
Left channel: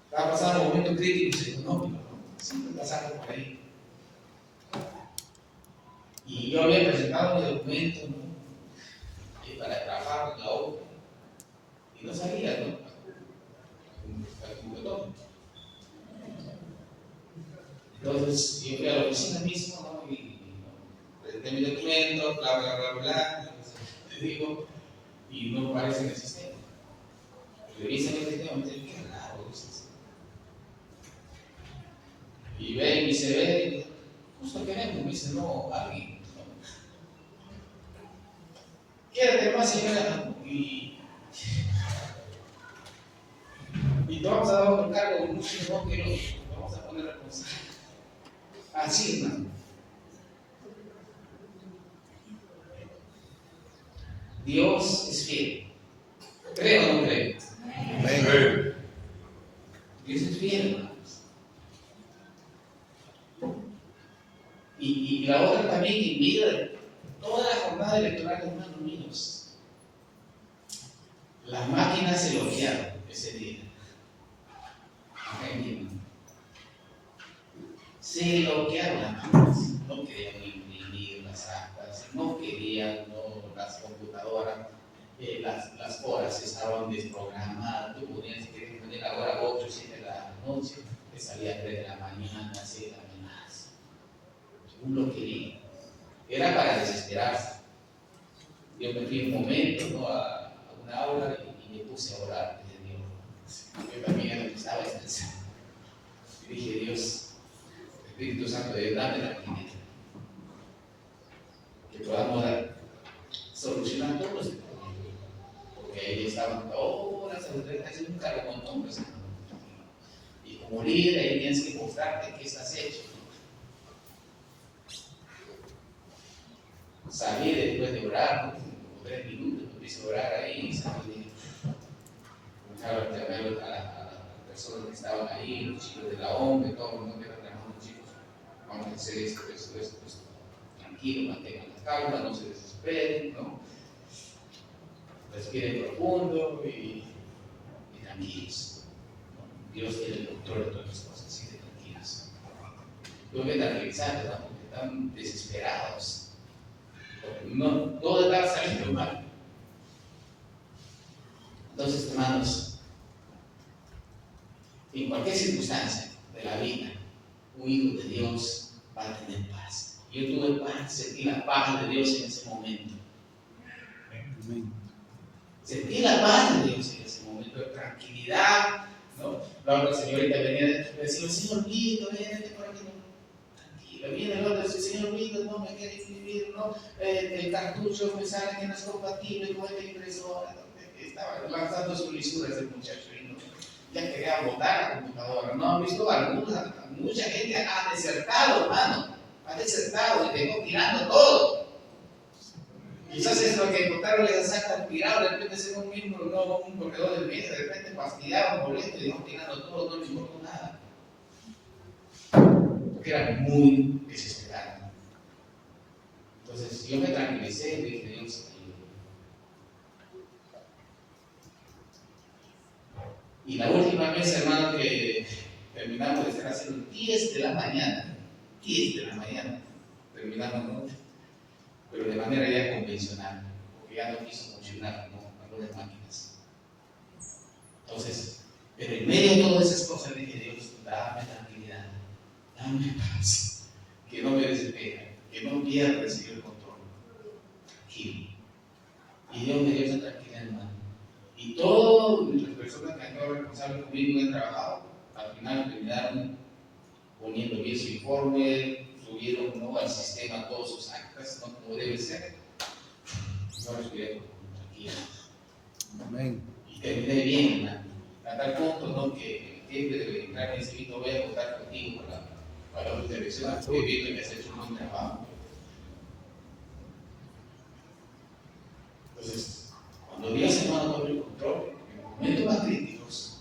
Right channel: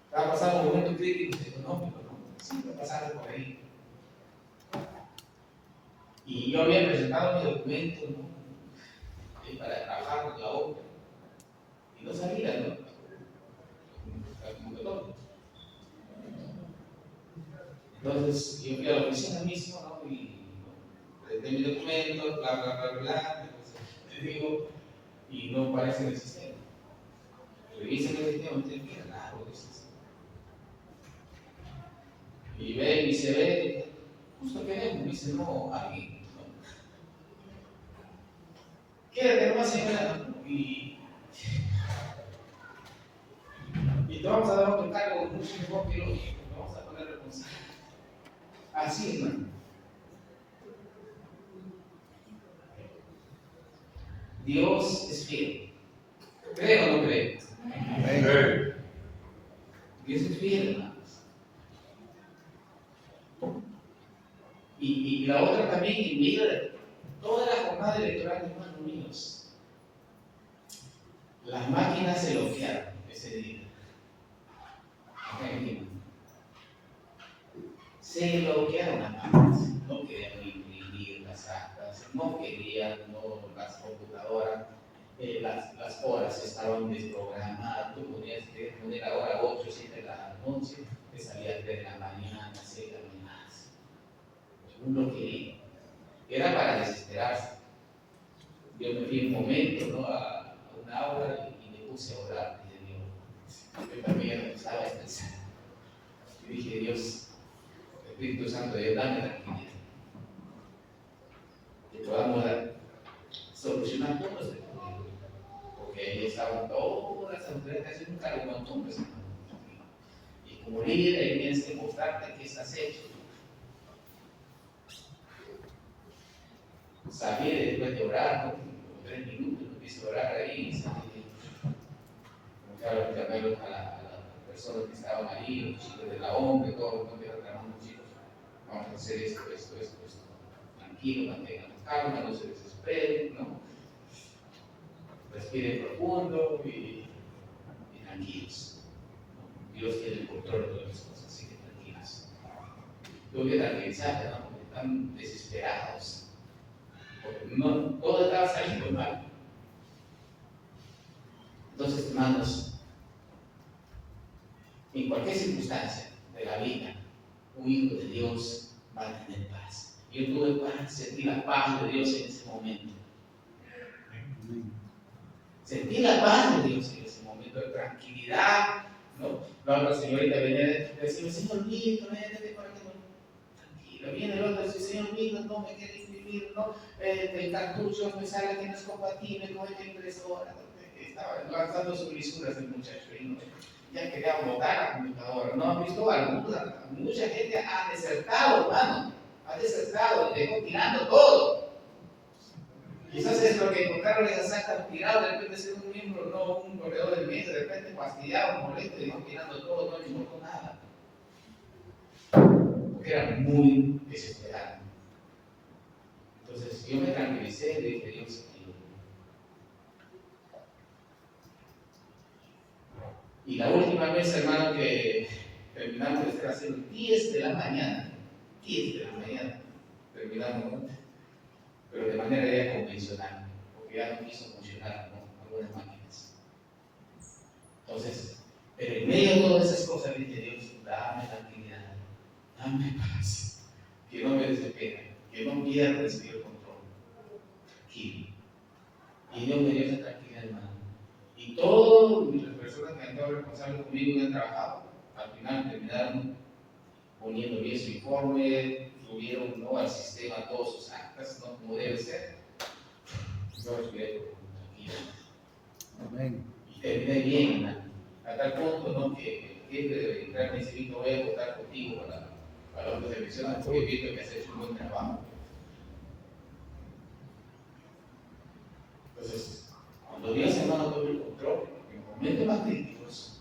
Estaba pasando momentos críticos económicos, ¿no? Siempre pasando por ahí. Y yo había presentado mi documento, ¿no? Para trabajar en la obra. Y no sabía, ¿no? Entonces, yo fui a la oficina misma, ¿no? Y presenté mi documento, bla, bla, bla, bla. Te digo, y no aparece en el sistema. Revisan el sistema y me dicen: qué raro es eso. Y ve mi CV, justo queremos, me dice: no, alguien. Quédate más, señora, ¿no? Y te vamos a dar otro cargo mucho mejor que nosotros, te vamos a poner responsable. Así, hermano. Dios es fiel. ¿Cree o no cree? Amén. Dios es fiel, hermanos. Y la otra también, en medio de toda la jornada electoral, hermanos míos, las máquinas se bloquearon ese día. Se bloquearon las máquinas. No querían imprimir las actas, no querían, las computadoras, las horas estaban desprogramadas. Tú ponías que poner la hora 8, 7 de la noche, te salía 3 de la mañana, 6 de la mañana. Uno quería. Era para desesperarse. Yo me fui un momento, ¿no? a una aula y me puse a orar. Dije: Dios, yo también empezaba a estresar. Y dije: Dios, Espíritu Santo de Dios, dame tranquilidad. Que podamos solucionar todos este problema. Porque ahí estaban todas las autoridades, un cargo con hombres. Y como líder, ahí tienes que mostrarte qué estás hecho. Salí después de orar, como 3 minutos, empecé a orar ahí, y salí. Llamé a las personas que estaban ahí, los chicos de la OMB, todos, no quiero trabajar con chicos, vamos a hacer esto. Tranquilo, mantengan la calma, no se desesperen, ¿no? Respiren profundo y tranquilos. Dios tiene el control de todas las cosas, así que tranquilos. Tuve que tranquilizarte, ¿no? Porque están desesperados. Porque no, todo estaba saliendo mal. Entonces, hermanos, en cualquier circunstancia de la vida, un hijo de Dios va a tener paz. Yo tuve paz, sentí la paz de Dios en ese momento. Sentí la paz de Dios en ese momento, de tranquilidad, ¿no? La señorita venía y decía, Señor Vito, vete por aquí, tranquilo. Viene el otro y dice, Señor Vito, no me quiere inscribir, ¿no? El cartucho me sale que no es compatible con esta impresora. Estaba lanzando sus lisuras el muchacho y no, ya quería botar la computadora. ¿No han visto? Mucha gente ha desertado, hermano, ha desertado y dejó tirando todo. Quizás es lo que encontraron les sacan tirado, de repente ser un miembro, no un corredor del mes, de repente fastidiado, molesto y dejó tirando todo, no le importó nada. Porque era muy desesperado. Entonces yo me tranquilicé y le dije, Dios, ayúdame. Y la última vez, hermano, que terminamos de estar haciendo 10 de la mañana, terminamos, ¿no? Pero de manera ya convencional, porque ya no quiso funcionar, ¿no? Algunas máquinas. Entonces, pero en medio de todas esas cosas le dije, Dios, dame tranquilidad, dame paz, que no me desespere, que no pierda el control. Tranquilo. Y Dios me dio esa tranquilidad, hermano. Y todas las personas que han estado responsables conmigo y han trabajado, al final terminaron poniendo bien su informe, subieron, ¿no?, al sistema todos sus actas, ¿no?, como debe ser. Yo respiré tranquilo. Amén. Y terminé bien, hermano. A tal punto, ¿no?, que el jefe de entrar me dice, Vito, voy a votar contigo para otras elecciones, porque Vito me hace un buen trabajo. Entonces, cuando Dios, hermano, tome el control, en momentos más críticos,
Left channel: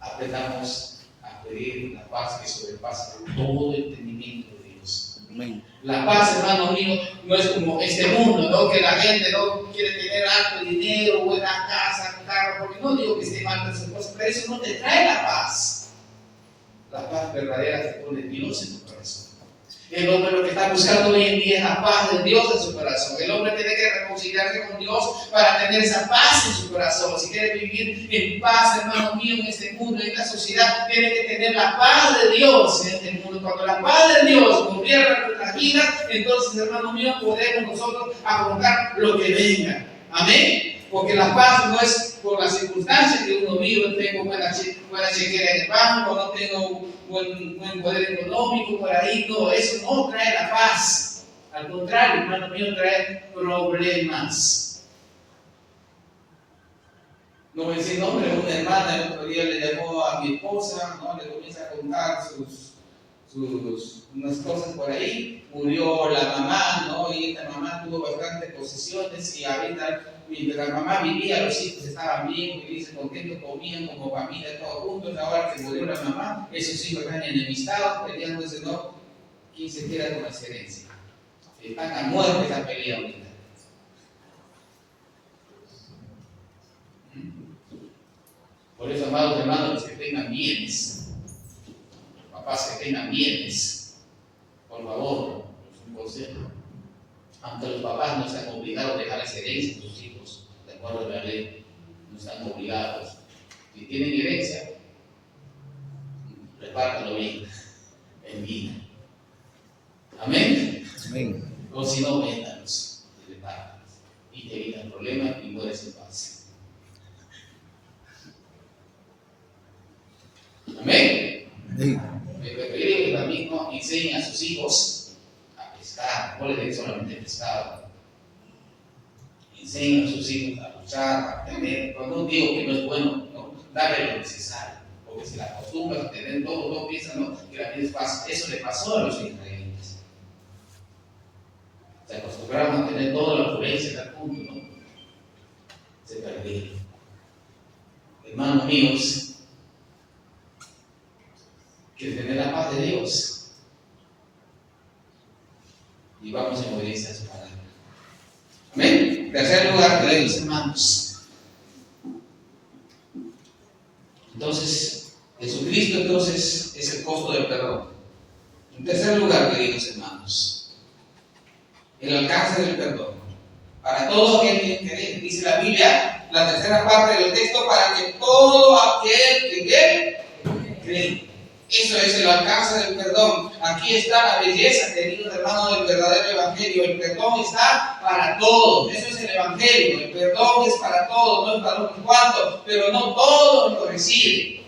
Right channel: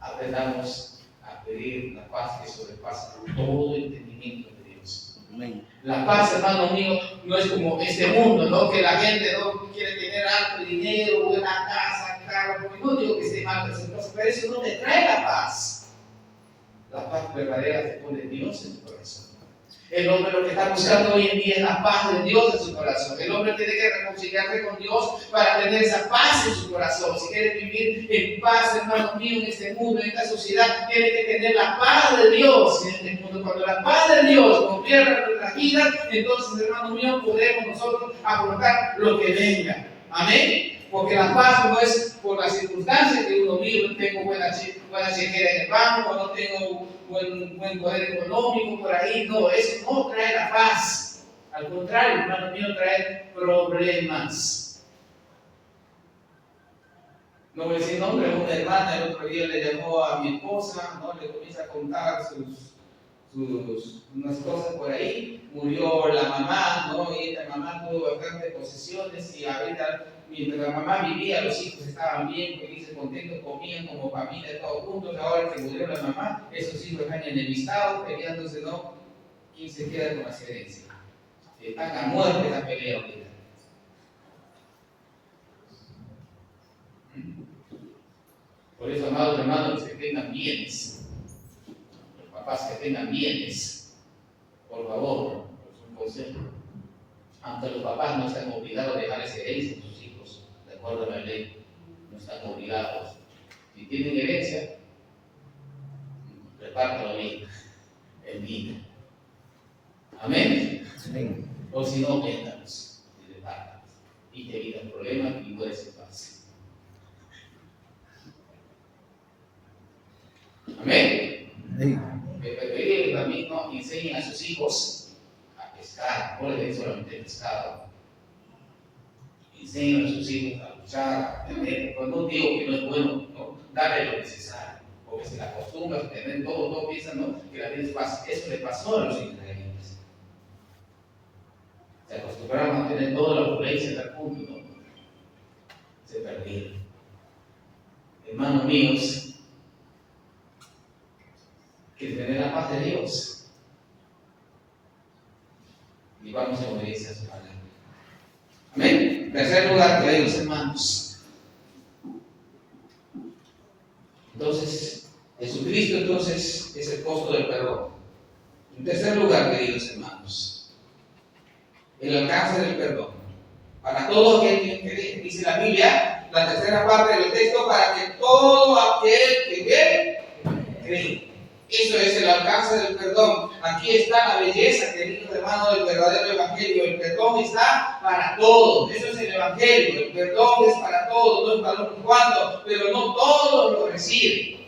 aprendamos a pedir la paz que sobrepasa todo entendimiento de Dios. Amén. La paz, hermano mío, no es como este mundo, ¿no?, que la gente no quiere tener alto dinero, buena casa, carro, porque no digo que esté mal, pero eso no te trae la paz. La paz verdadera te pone Dios en tu corazón. El hombre lo que está buscando hoy en día es la paz de Dios en su corazón. El hombre tiene que reconciliarse con Dios para tener esa paz en su corazón. Si quiere vivir en paz, hermano mío, en este mundo, en esta sociedad, tiene que tener la paz de Dios en este mundo. Cuando la paz de Dios gobierna nuestra vida, entonces, hermano mío, podemos nosotros afrontar lo que venga. Amén. Porque la paz no es por las circunstancias que uno vive. Tengo buena chequera en el banco, no tengo buen poder económico por ahí. No, eso no trae la paz. Al contrario, hermano mío, trae problemas. No voy a decir nombre, una hermana el otro día le llamó a mi esposa, ¿no?, le comienza a contar unas cosas por ahí. Murió la mamá, ¿no?, y esta mamá tuvo bastantes posesiones, y ahorita, mientras la mamá vivía, los hijos estaban bien, felices, contentos, comían como familia, todos juntos. Ahora que murió la mamá, esos hijos están enemistados, peleándose, ¿no?, quién se queda con las herencias. Están a muerte esa pelea ahorita. Por eso, amados hermanos, los que tengan bienes, los papás que tengan bienes, por favor, es un consejo. Aunque los papás no están obligados a dejarles herencia a sus hijos, de acuerdo a la ley, no están obligados. Si tienen herencia, repártalo bien, en vida. Amén. Amén. O si no, véndalos y repártalos. Y te evitan problemas y mueres en paz. Amén. Pero también, ¿no?, enseñen a sus hijos a pescar. No les den solamente pescado. Enseñen a sus hijos a luchar, a aprender. Cuando digo que no es bueno, ¿no?, darle lo necesario, porque si la acostumbras a tener todo piensan, ¿no?, que la vida es fácil. Eso le pasó a los israelitas. Se acostumbraron a tener toda la opulencia al punto, ¿no?, se perdieron. Hermanos míos, que tener la paz de Dios y vamos en obediencia a su palabra. Amén. En tercer lugar, queridos hermanos, entonces Jesucristo es el costo del perdón. En tercer lugar, queridos hermanos, el alcance del perdón para todo aquel que dice la Biblia, la tercera parte del texto, para que todo aquel que cree. Eso es el alcance del perdón. Aquí está la belleza, queridos hermanos, del verdadero evangelio. El perdón está para todos. Eso es el evangelio. El perdón es para todos, no es para unos cuantos, pero no todos lo reciben.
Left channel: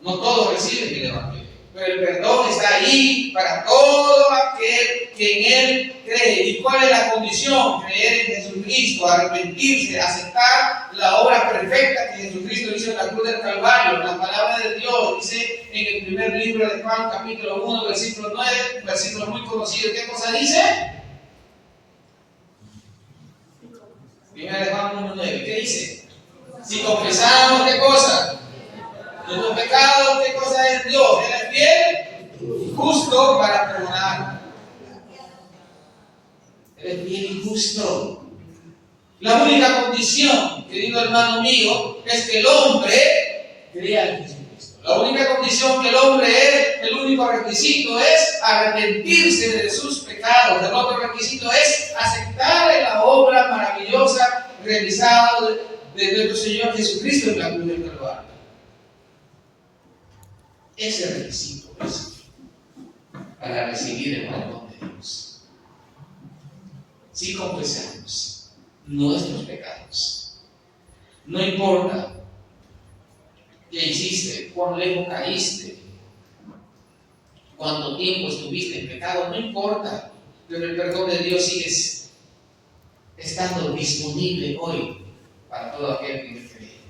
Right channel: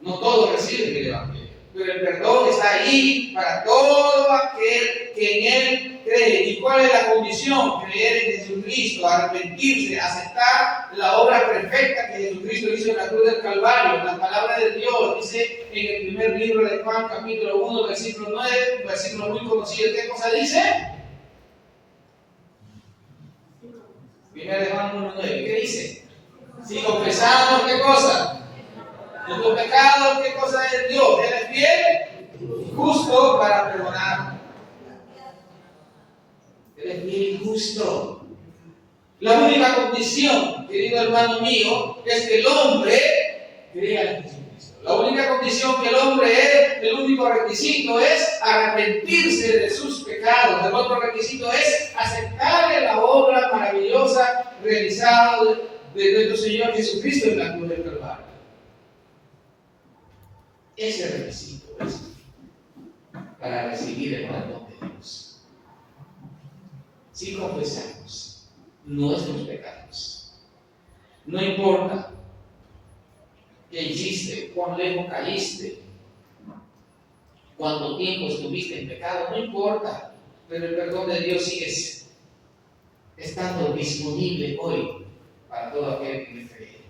No todos reciben el evangelio. Pero el perdón está ahí para todo aquel que en él cree. ¿Y cuál es la condición? Creer en Jesucristo, arrepentirse, aceptar la obra perfecta que Jesucristo hizo en la cruz del Calvario. La palabra de Dios dice en el primer libro de Juan, capítulo 1, versículo 9, versículo muy conocido. ¿Qué cosa dice? Primera de Juan 1, 9. ¿Qué dice? Si confesamos, ¿qué cosa? Nuestros pecados, ¿qué cosa es Dios? Él es fiel y justo para perdonar. Él es fiel y justo. La única condición, querido hermano mío, es que el hombre crea en Jesucristo. La única condición que el hombre es, el único requisito es arrepentirse de sus pecados. El otro requisito es aceptar la obra maravillosa realizada de nuestro Señor Jesucristo en la cruz del Calvario. Ese requisito es para recibir el perdón de Dios. Si confesamos nuestros pecados, no importa qué hiciste, cuán lejos caíste, cuánto tiempo estuviste en pecado, no importa, pero el perdón de Dios sigue estando disponible hoy para todo aquel que me cree.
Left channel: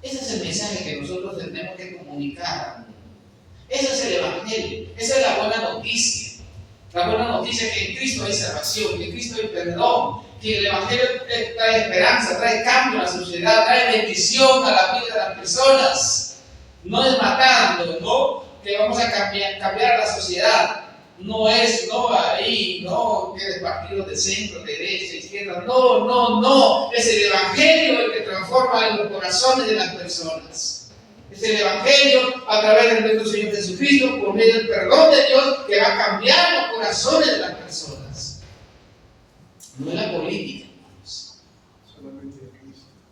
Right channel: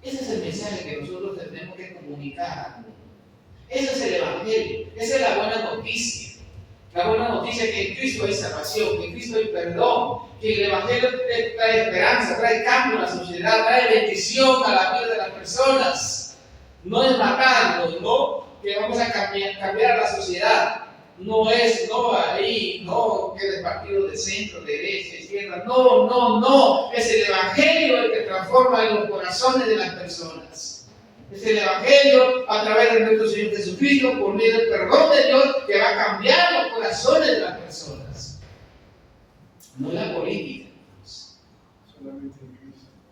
Ese es el mensaje que nosotros tenemos que comunicar. Ese es el evangelio, esa es la buena noticia. La buena noticia es que en Cristo hay salvación, que en Cristo hay perdón, que el evangelio trae esperanza, trae cambio a la sociedad, trae bendición a la vida de las personas. No es matando, no que vamos a cambiar la sociedad. No es, que de partidos de centro, de derecha, izquierda. No. Es el evangelio el que transforma en los corazones de las personas. Es el evangelio a través de nuestro Señor Jesucristo, por medio del perdón de Dios, que va a cambiar los corazones de las personas. No es la política, hermanos.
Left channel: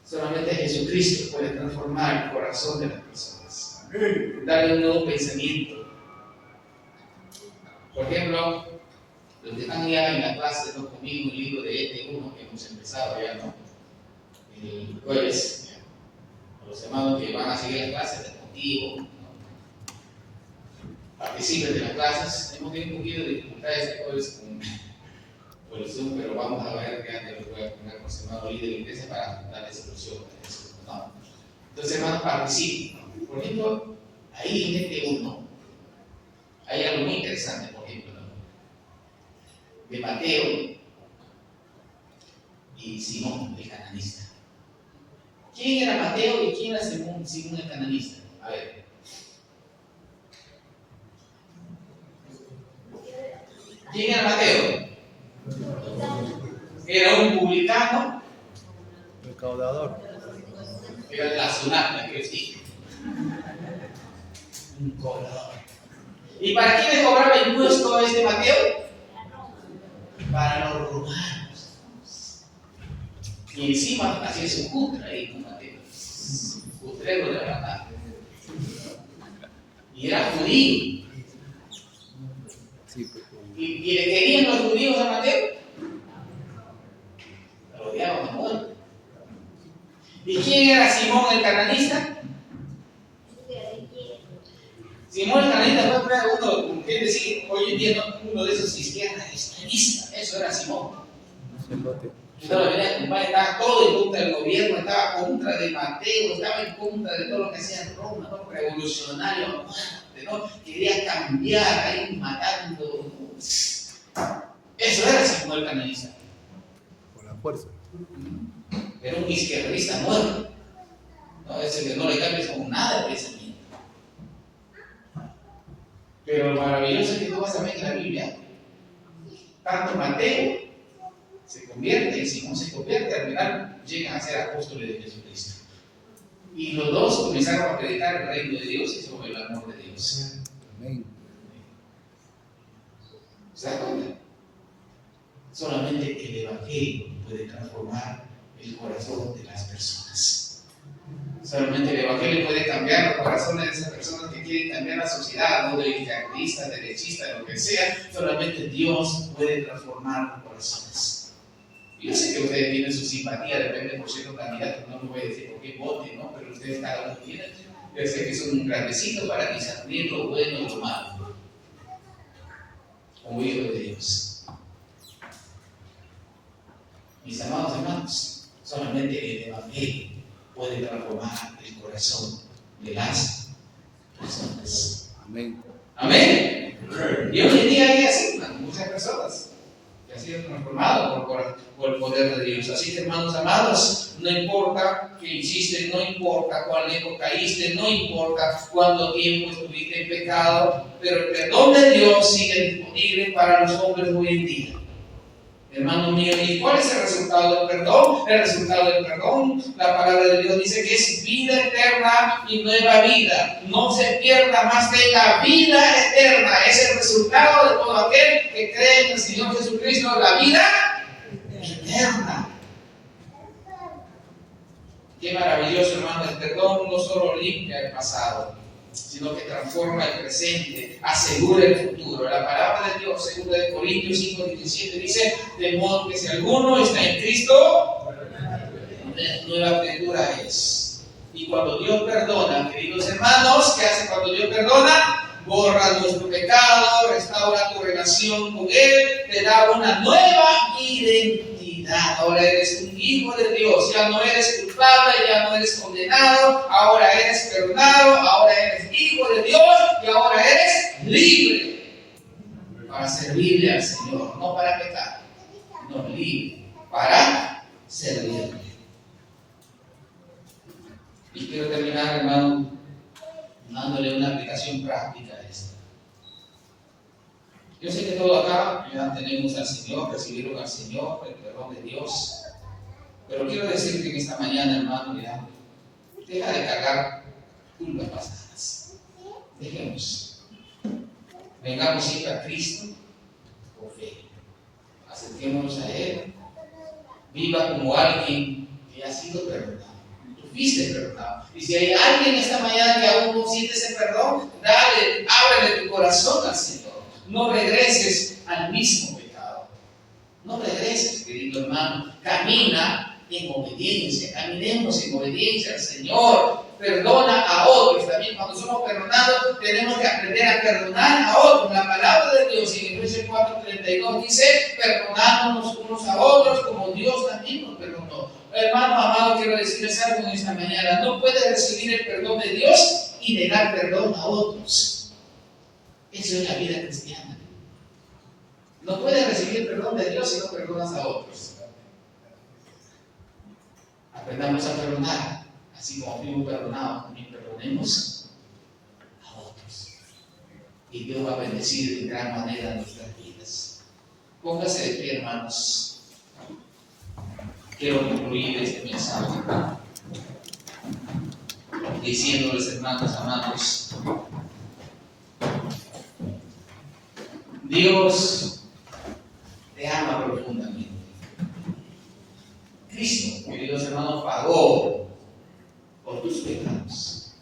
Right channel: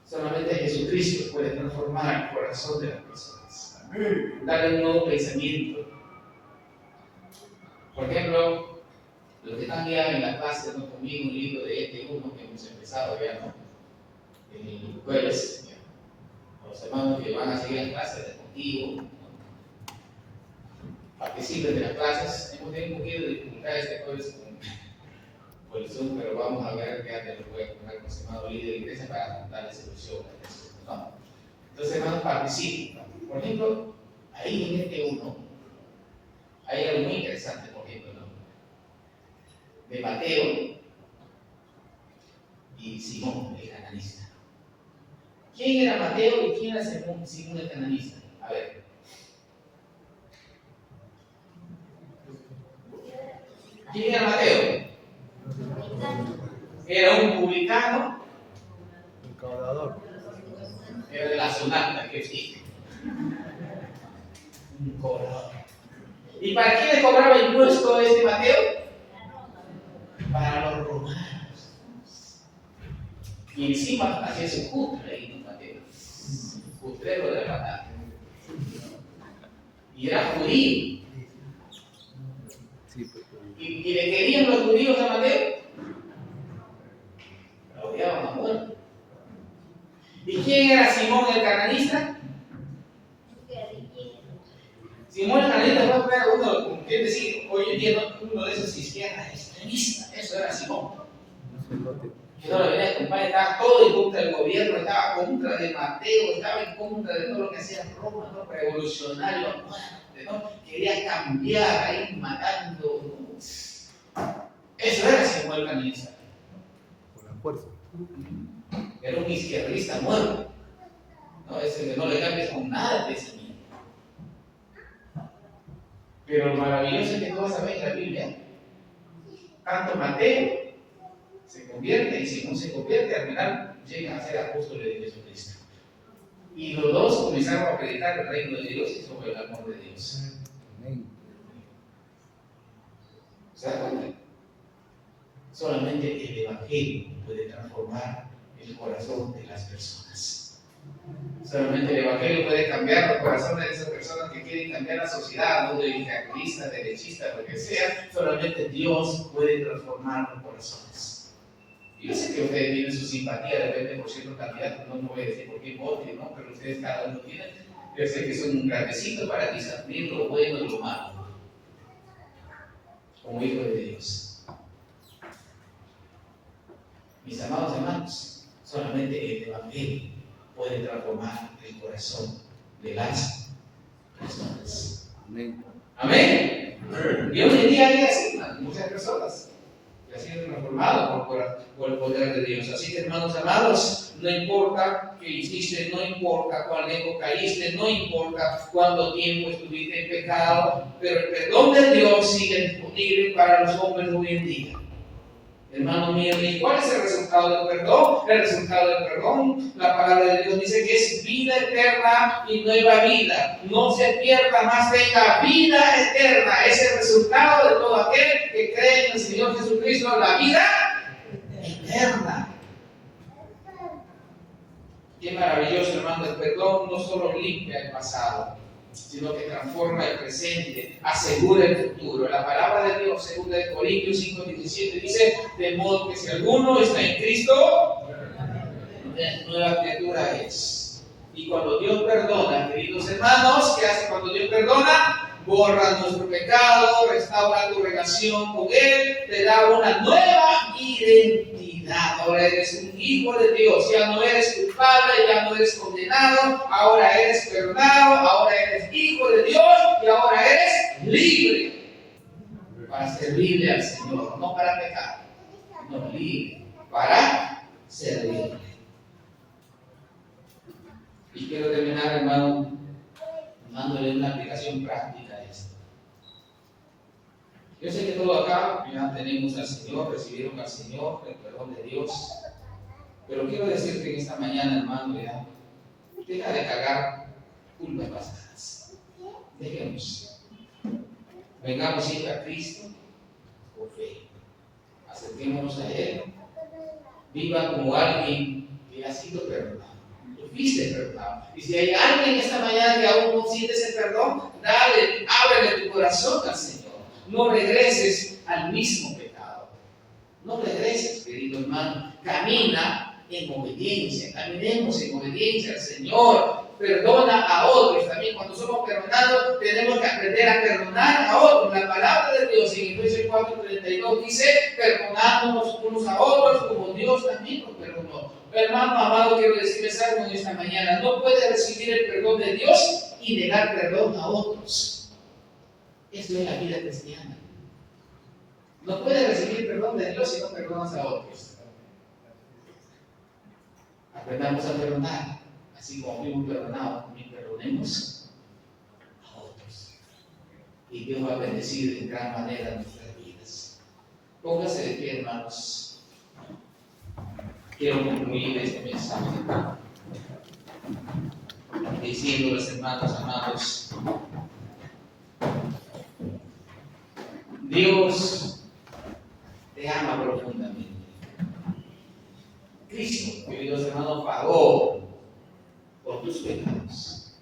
Solamente Jesucristo puede transformar el corazón de las personas. Darle un nuevo pensamiento. Por ejemplo, los que están ya en la clase conmigo el libro de ET1 que hemos empezado ya, ¿no? El jueves. Los hermanos que van a seguir las clases de contigo, ¿no? Participen de las clases. Hemos tenido un poquito de dificultades de jueves por el Zoom, pero vamos a ver que antes lo voy a poner con el hermano líder de la iglesia para darle solución a eso, ¿no? Entonces, hermanos, participen, ¿no? Por ejemplo, ahí en este 1 hay algo muy interesante, por ejemplo, ¿no? De Mateo y Simón, el cananista. ¿Quién era Mateo y quién era Simón el cananista? A ver. ¿Quién era Mateo? Era un publicano. Recaudador. Era de la Sunat, que sí. Un cobrador. ¿Y para quién le cobraba impuesto este Mateo? Para los romanos. Y encima hacía su cutra ahí con Mateo. Cutrero de verdad. Y era judío. ¿Y le querían los judíos a Mateo? Lo odiaban a muerte. ¿Y quién era Simón el cananista? Simón el cananista fue uno, como quien decir, hoy en día uno de esos izquierdas extremistas. Eso era Simón. No le venía a acompañar, estaba todo en contra del gobierno, estaba contra de Mateo, estaba en contra de todo lo que hacía Roma, ¿no? Revolucionario a muerte, ¿no? Quería cambiar, ahí matando. Eso era Simón el cananista. Por la fuerza. Era un izquierdista muerto. No, ese que no le cambies con nada de pensamiento. Pero lo maravilloso es que tú vas a ver en la Biblia, tanto Mateo se convierte y Simón se convierte, al final llegan a ser apóstoles de Jesucristo. Y los dos comenzaron a predicar el reino de Dios y sobre el amor de Dios. Amén. ¿Se da cuenta? Solamente el evangelio puede transformar el corazón de las personas. Solamente el Evangelio puede cambiar los corazones de esas personas que quieren cambiar la sociedad, no de izquierdistas, derechistas, lo que sea. Solamente Dios puede transformar los corazones. Yo sé que ustedes tienen su simpatía, depende por cierto candidato, no me voy a decir por qué vote, ¿no? Pero ustedes cada uno tiene. Yo sé que son grandecitos para discernir lo bueno y lo malo, como hijos de Dios. Mis amados hermanos, solamente el Evangelio puede transformar el corazón de las personas. Amén. Amén. Y hoy en día hay así muchas personas que han sido transformadas por el poder de Dios. Así que, hermanos amados, no importa que hiciste, no importa cuán lejos caíste, no importa cuánto tiempo estuviste en pecado, pero el perdón de Dios sigue disponible para los hombres hoy en día. Hermano mío, ¿y cuál es el resultado del perdón? El resultado del perdón, la palabra de Dios dice que es vida eterna y nueva vida. No se pierda, más tenga vida eterna. Es el resultado de todo aquel que cree en el Señor Jesucristo, la vida eterna. Qué maravilloso, hermano. El perdón no solo limpia el pasado, sino que transforma el presente, asegura el futuro. La palabra de Dios, según de Corintios 5:17, dice: de modo que si alguno está en Cristo, nueva criatura es. Y cuando Dios perdona, queridos hermanos, ¿qué hace cuando Dios perdona? Borra nuestro pecado, restaura tu relación con Él, te da una nueva identidad. Ahora eres un hijo de Dios, ya no eres culpable, ya no eres condenado, ahora eres perdonado, ahora eres hijo de Dios y ahora eres libre para servirle al Señor, no para pecar, no, libre para servirle. Y quiero terminar, hermano, dándole una aplicación práctica a esto. Yo sé que todos acá ya tenemos al Señor, recibieron al Señor, el perdón de Dios. Pero quiero decirte que esta mañana, hermano, ya, deja de cargar culpas pasadas. Dejemos. Vengamos siempre a Cristo por fe. Acerquémonos a Él. Viva como alguien que ha sido perdonado. Tú fuiste perdonado. Y si hay alguien esta mañana que aún no siente ese perdón, dale, ábrele tu corazón al Señor. No regreses al mismo pecado. No regreses, querido hermano. Camina en obediencia. Caminemos en obediencia al Señor. Perdona a otros. También cuando somos perdonados tenemos que aprender a perdonar a otros. La palabra de Dios en Efesios 4:32 dice: perdonándonos unos a otros como Dios también nos perdonó. Hermano amado, quiero decirles algo en esta mañana. No puedes recibir el perdón de Dios y negar perdón a otros. Eso es la vida cristiana. No puedes recibir perdón de Dios si no perdonas a otros. Aprendamos a perdonar, así como fuimos perdonados, también perdonemos a otros. Y Dios va a bendecir en gran manera nuestras vidas. Póngase de pie, hermanos. Quiero concluir este mensaje diciéndoles, hermanos amados, Dios te ama profundamente. Cristo, queridos hermanos, pagó por tus pecados.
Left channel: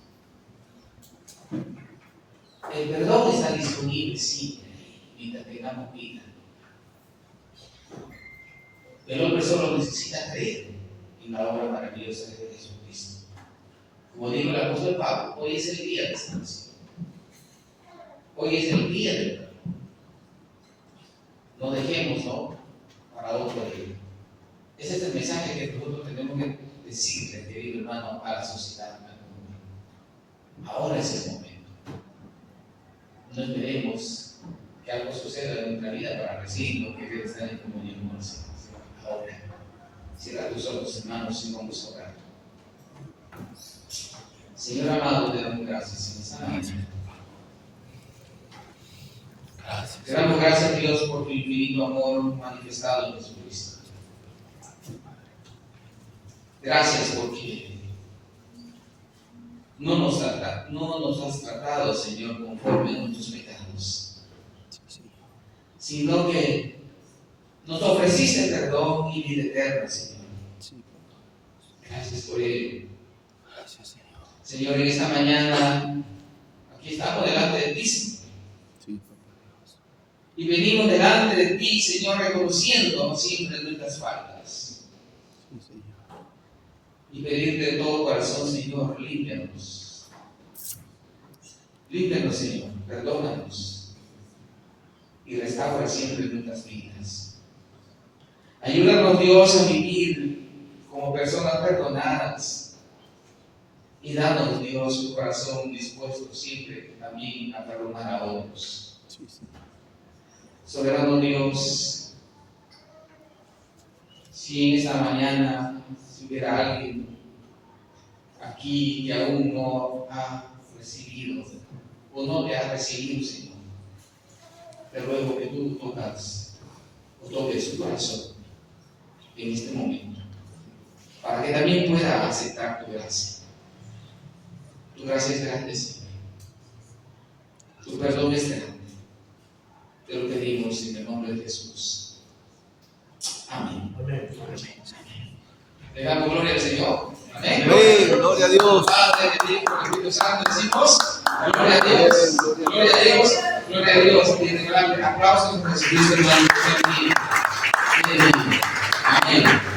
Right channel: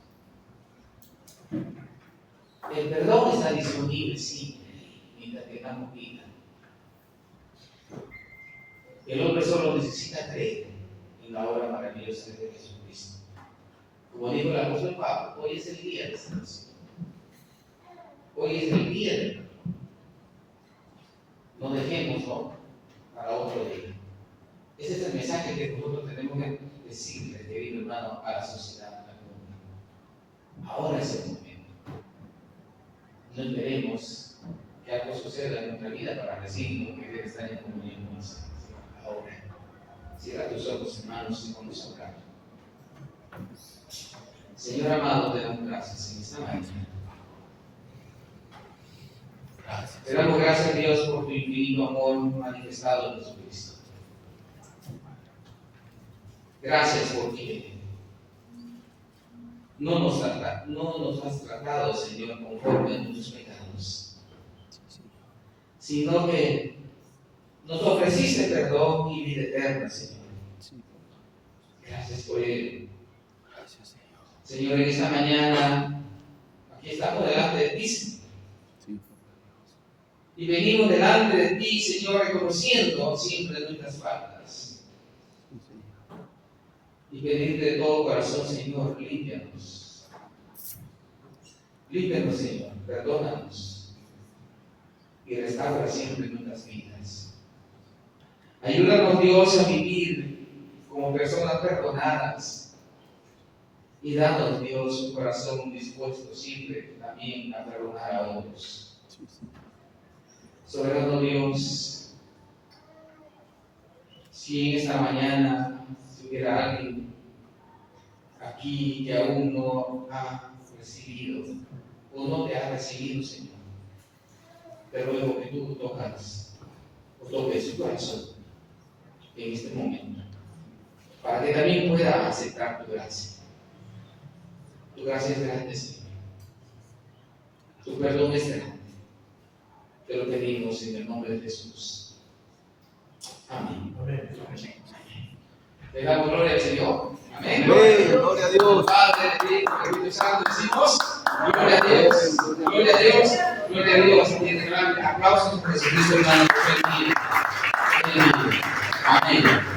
El perdón está disponible siempre mientras tengamos vida. El hombre solo necesita creer en la obra maravillosa de Jesucristo. Como dijo el apóstol Pablo, hoy es el día de salvación. Hoy es el día del perdón. No dejemos, ¿no?, para otro día. Ese es el mensaje que nosotros tenemos que decirle, querido hermano, a la sociedad, al mundo. Ahora es el momento. No esperemos que algo suceda en nuestra vida para recibirlo, que debe estar en comunión con el Señor. Ahora, cierra tus ojos, hermanos, y vamos a orar. Señor amado, te damos gracias en esta mañana. Gracias. Te damos gracias, Dios, por tu infinito amor manifestado en Jesucristo. Gracias porque no nos has tratado, Señor, conforme a nuestros pecados, sino que nos ofreciste perdón y vida eterna, Señor. Gracias por ello. Señor, en esta mañana, aquí estamos delante de ti, Señor. Y venimos delante de ti, Señor, reconociendo siempre nuestras faltas. Y pedirte de todo corazón, Señor, límpianos. Límpianos, Señor, perdónanos. Y restaura siempre nuestras vidas. Ayúdanos, Dios, a vivir como personas perdonadas. Y danos, Dios, un corazón dispuesto siempre también a perdonar a otros. Soberano Dios, si en esta mañana si hubiera alguien aquí que aún no ha recibido o no te ha recibido, Señor, te ruego que tú toques su corazón en este momento, para que también pueda aceptar tu gracia. Tu gracia es grande, Señor. Tu perdón es grande. Te lo pedimos en el nombre de Jesús. Amén. Amén. Le damos gloria al Señor. Amén. Gloria a Dios. Padre, del Hijo, del Espíritu Santo, decimos gloria a Dios. Gloria a Dios. Gloria a Dios. Y en el aplauso de Jesucristo, hermano. Amén. Amén.